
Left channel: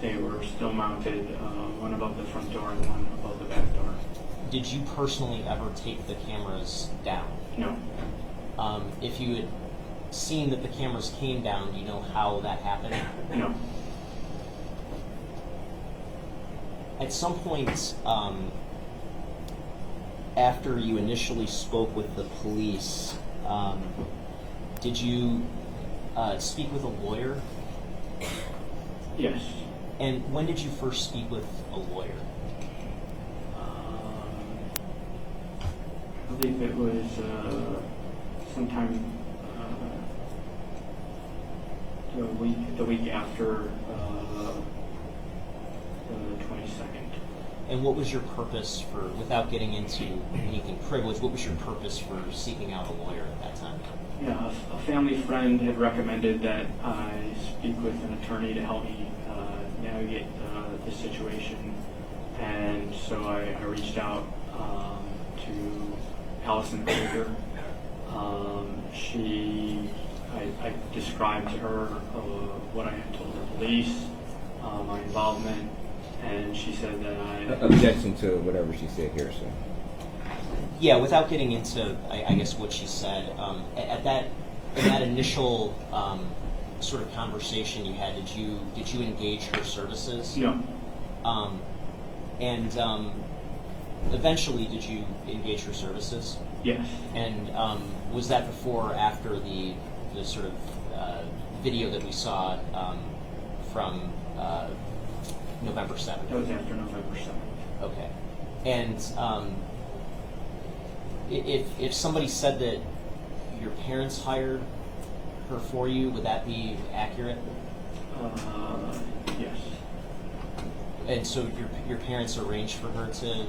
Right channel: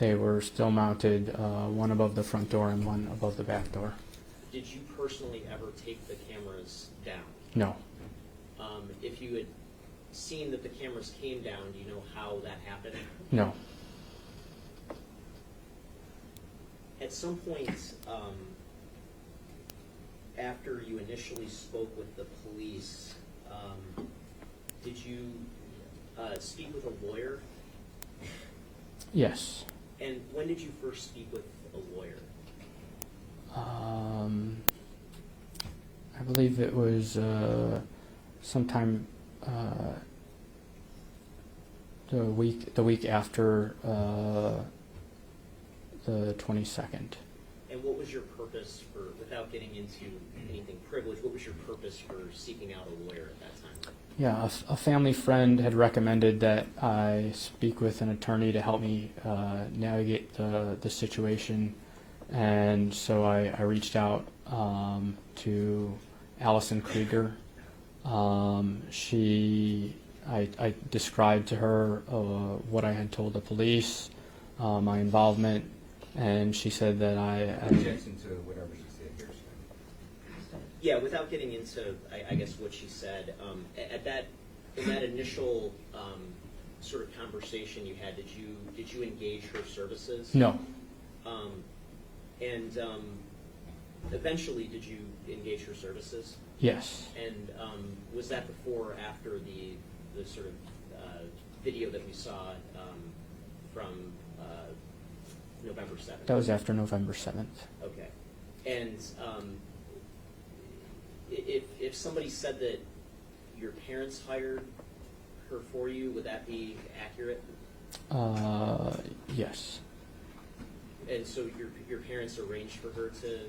They were still mounted, one above the front door and one above the back door. Did you personally ever take the cameras down? No. If you had seen that the cameras came down, do you know how that happened? No. At some point, after you initially spoke with the police, did you speak with a lawyer? Yes. And when did you first speak with a lawyer? I believe it was sometime the week after the 22nd. And what was your purpose for, without getting into anything privileged, what was your purpose for seeking out a lawyer at that time? Yeah, a family friend had recommended that I speak with an attorney to help me navigate the situation, and so I reached out to Allison Krieger. I described to her what I had told the police, my involvement, and she said that Objection to whatever she said here, sir. Yeah, without getting into, I guess, what she said, in that initial sort of conversation you had, did you engage her services? No. And eventually, did you engage her services? Yes. And was that before or after the sort of video that we saw from November 7th? That was after November 7th. Okay. And if somebody said that your parents hired her for you, would that be accurate? Yes. And so your parents arranged for her to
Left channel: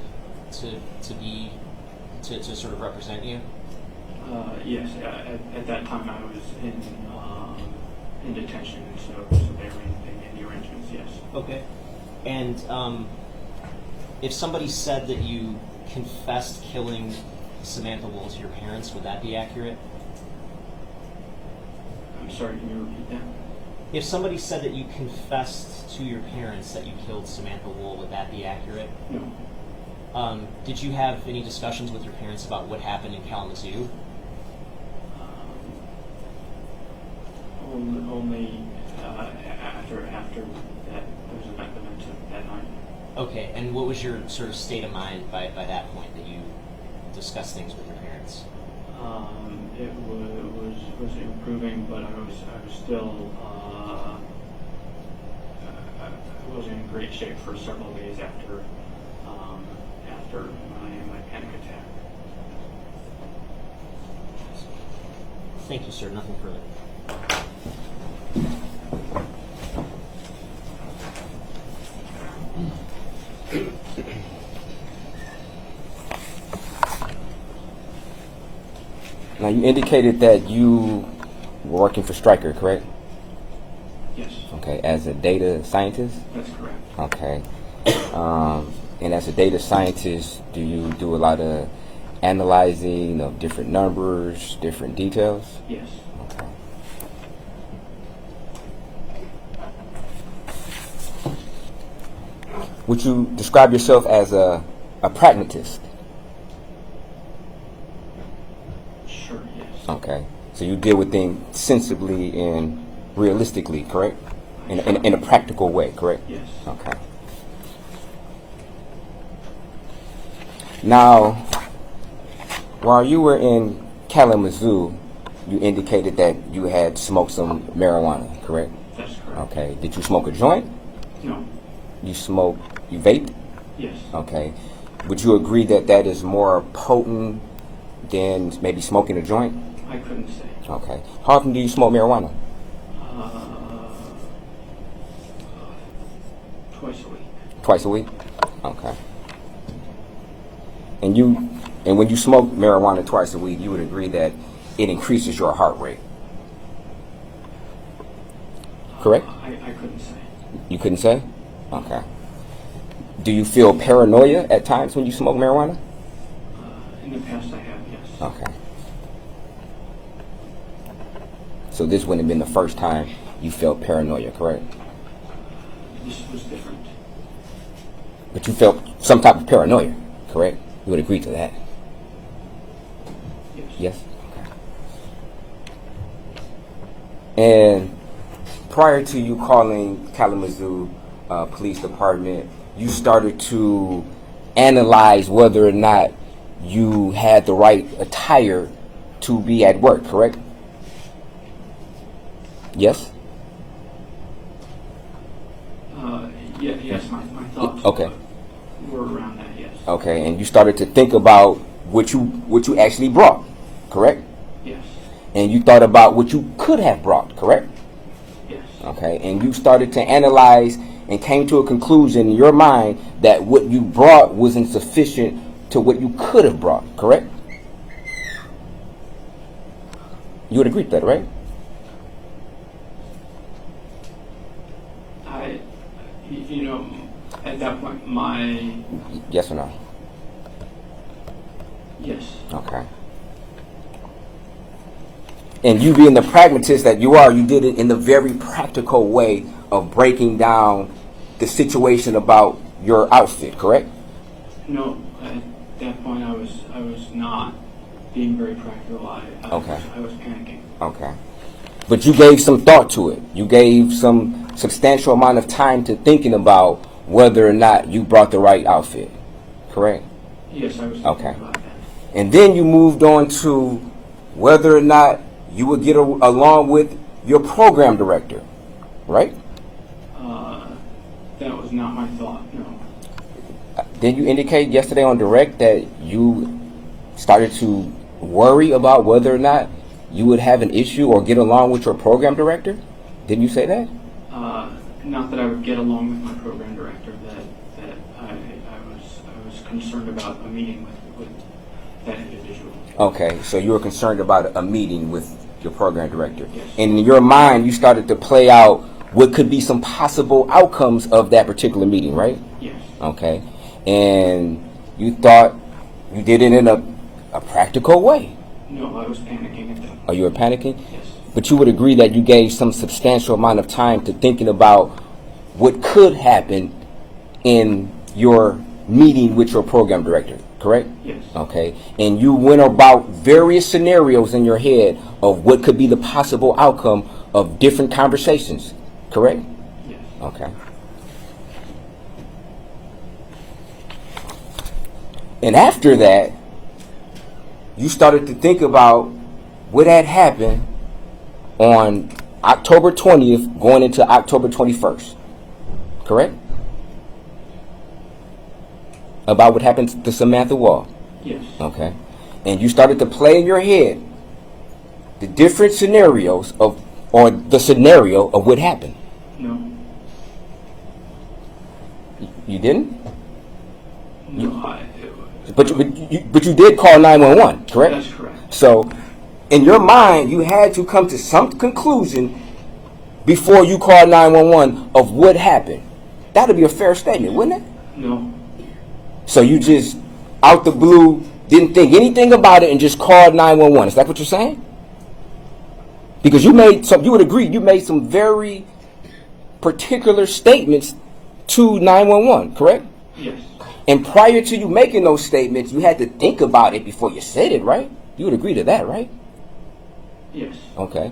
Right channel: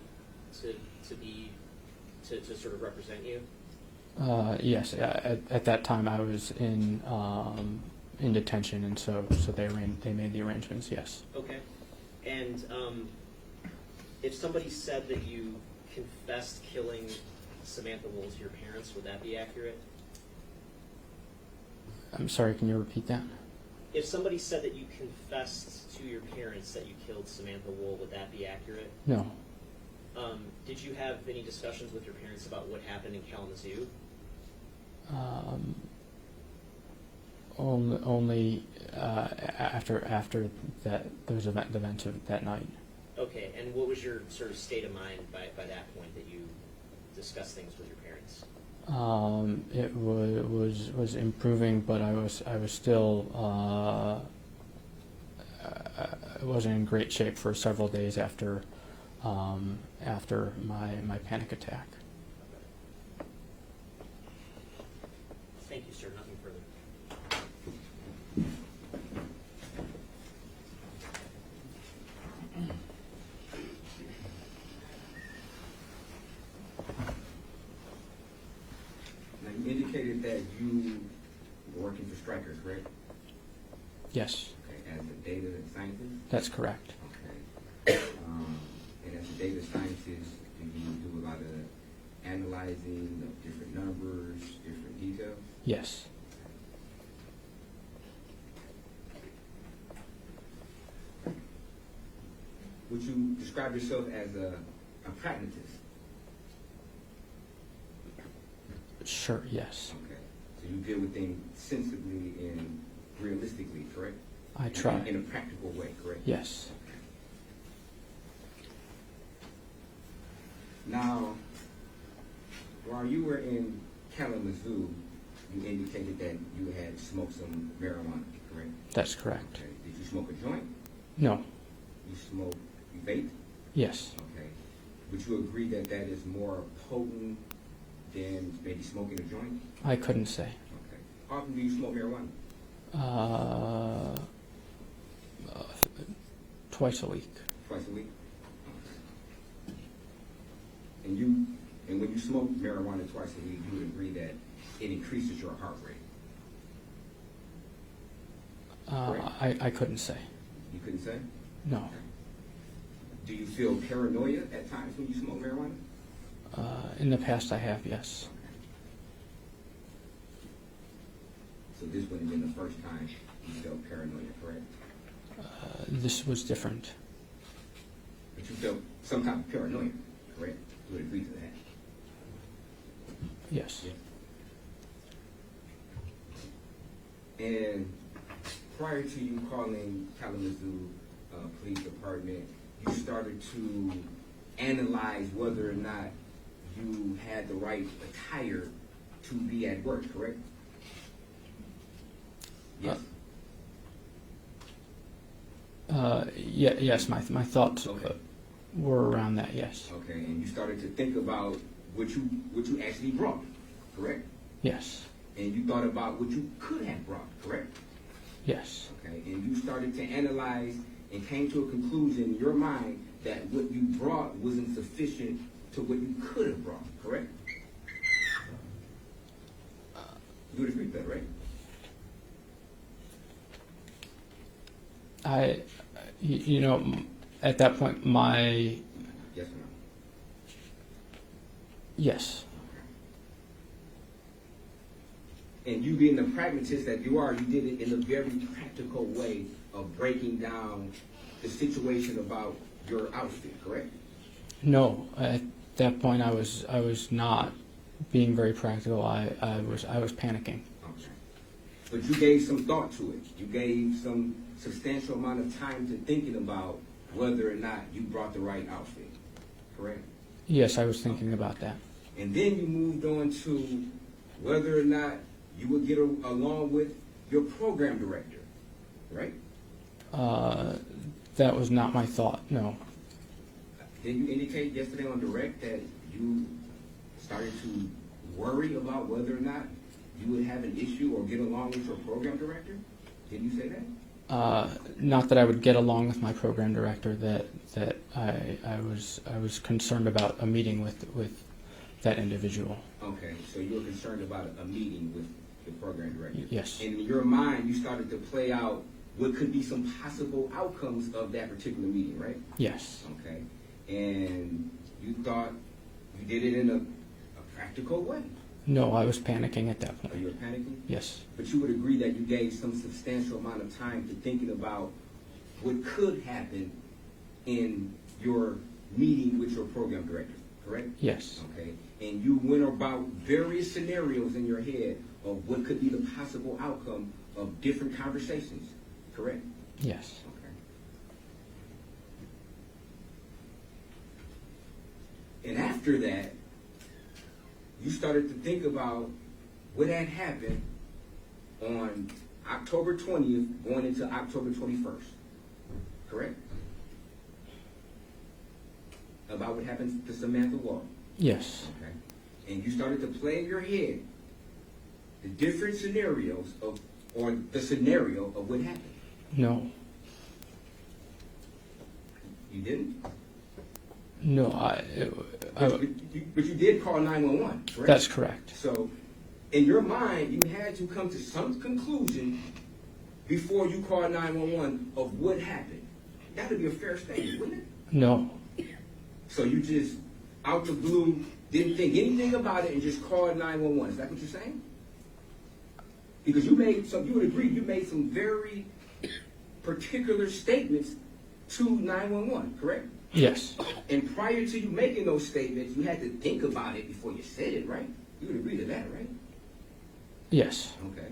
sort of represent you? Yes. At that time, I was in detention, and so they made the arrangements. Yes. Okay. And if somebody said that you confessed killing Samantha Woll to your parents, would that be accurate? I'm sorry, can you repeat that? If somebody said that you confessed to your parents that you killed Samantha Woll, would that be accurate? No. Did you have any discussions with your parents about what happened in Kalamazoo? Only after that those events of that night. Okay, and what was your sort of state of mind by that point that you discussed things with your parents? It was improving, but I was still I wasn't in great shape for several days after my panic attack. Thank you, sir. Nothing further. Now, you indicated that you were working for Stryker, correct? Yes, Okay, as a data scientist? that's correct. Okay. And as a data scientist, do you do a lot of analyzing of different numbers, different details? Yes. Okay. Would you describe yourself as a pragmatist? Sure, yes. Okay. So you deal with things sensibly and realistically, correct? I In, try. in a practical way, correct? Yes. Okay. Now, while you were in Kalamazoo, you indicated that you had smoked some marijuana, correct? That's correct. Okay. Did you smoke a joint? No. You vaped? Yes. Okay. Would you agree that that is more potent than maybe smoking a joint? I couldn't say. Okay. How often do you smoke marijuana? Twice a week. Twice a week? Okay. And when you smoke marijuana twice a week, you would agree that it increases your heart rate, correct? I couldn't say. You couldn't say? Okay. Do you feel paranoia at times when you smoke marijuana? In the past, I have, yes. Okay. So this wouldn't have been the first time you felt paranoia, correct? This was different. But you felt some type of paranoia, correct? You would agree to that? Yes. Yes? Okay. And prior to you calling Kalamazoo Police Department, you started to analyze whether or not you had the right attire to be at work, correct? Yes? Yes, my thoughts Okay. were around that, yes. Okay, and you started to think about what you actually brought, correct? Yes. And you thought about what you could have brought, correct? Yes. Okay, and you started to analyze and came to a conclusion in your mind that what you brought wasn't sufficient to what you could have brought, correct? You would agree to that, right? You know, at that point, Yes or no? yes. Okay. And you being the pragmatist that you are, you did it in the very practical way of breaking down the situation about your outfit, correct? No, at that point, I was not being very practical. Okay. I was panicking. Okay. But you gave some thought to it. You gave some substantial amount of time to thinking about whether or not you brought the right outfit, correct? Yes, I was thinking Okay. about that. And then you moved on to whether or not you would get along with your program director, right? That was not my thought, no. Did you indicate yesterday on direct that you started to worry about whether or not you would have an issue or get along with your program director? Didn't you say that? Not that I would get along with my program director, that I was concerned about a meeting with that individual. Okay, so you were concerned about a meeting with your program director. Yes. And in your mind, you started to play out what could be some possible outcomes of that particular meeting, right? Yes. Okay. And you thought you did it in a practical way. No, I was panicking at that point. Oh, you were panicking? Yes. But you would agree that you gave some substantial amount of time to thinking about what could happen in your meeting with your program director, correct? Yes. Okay. And you went about various scenarios in your head of what could be the possible outcome of different conversations, correct? Yes. Okay. And after that, you started to think about what had happened on October 20th going into October 21st, correct? About what happened to Samantha Woll. Yes. Okay. And you started to play in your head the different scenarios or the scenario of what happened. No. You didn't? No, But you did call 911, correct? That's correct. So, in your mind, you had to come to some conclusion before you called 911 of what happened. That would be a fair statement, wouldn't it? No. So you just, out the blue, didn't think anything about it and just called 911. Is that what you're saying? Because you would agree, you made some very particular statements to 911, correct? Yes. And prior to you making those statements, you had to think about it before you said it, right? You would agree to that, right? Yes. Okay.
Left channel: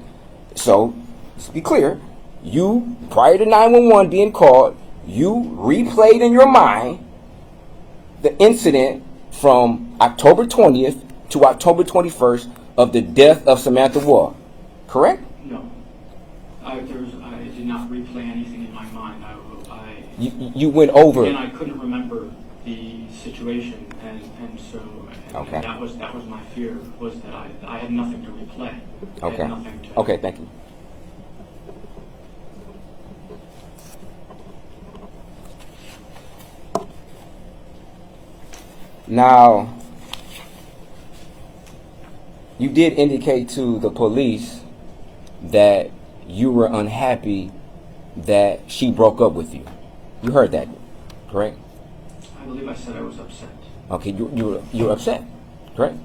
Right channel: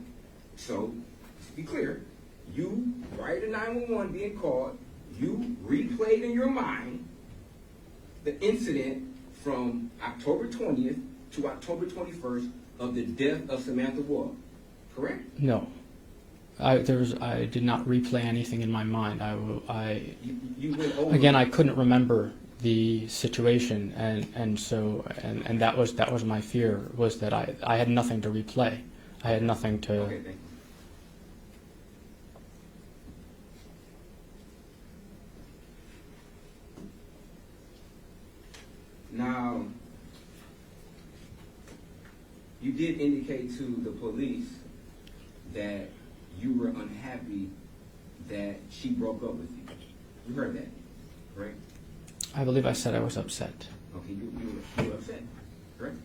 So, let's be clear. You, prior to 911 being called, you replayed in your mind the incident from October 20th to October 21st of the death of Samantha Woll, correct? No. I did not replay anything in my mind. You went over. Again, I couldn't remember the situation, and Okay. that was my fear, was that I had nothing to replay. I Okay. had nothing to. Okay, thank you. Now, you did indicate to the police that you were unhappy that she broke up with you. You heard that, correct? I believe I said I was upset. Okay, you were upset, correct?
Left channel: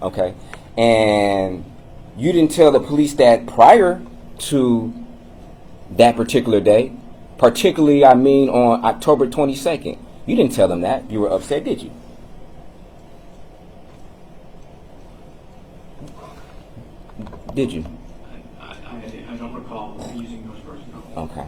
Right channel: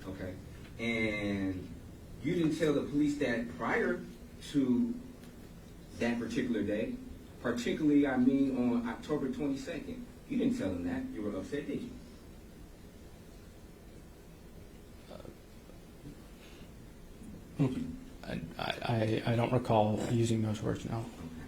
Okay, and you didn't tell the police that prior to that particular day, particularly, I mean, on October 22nd. You didn't tell them that you were upset, did you? Did you? I don't recall using those words, no. Okay.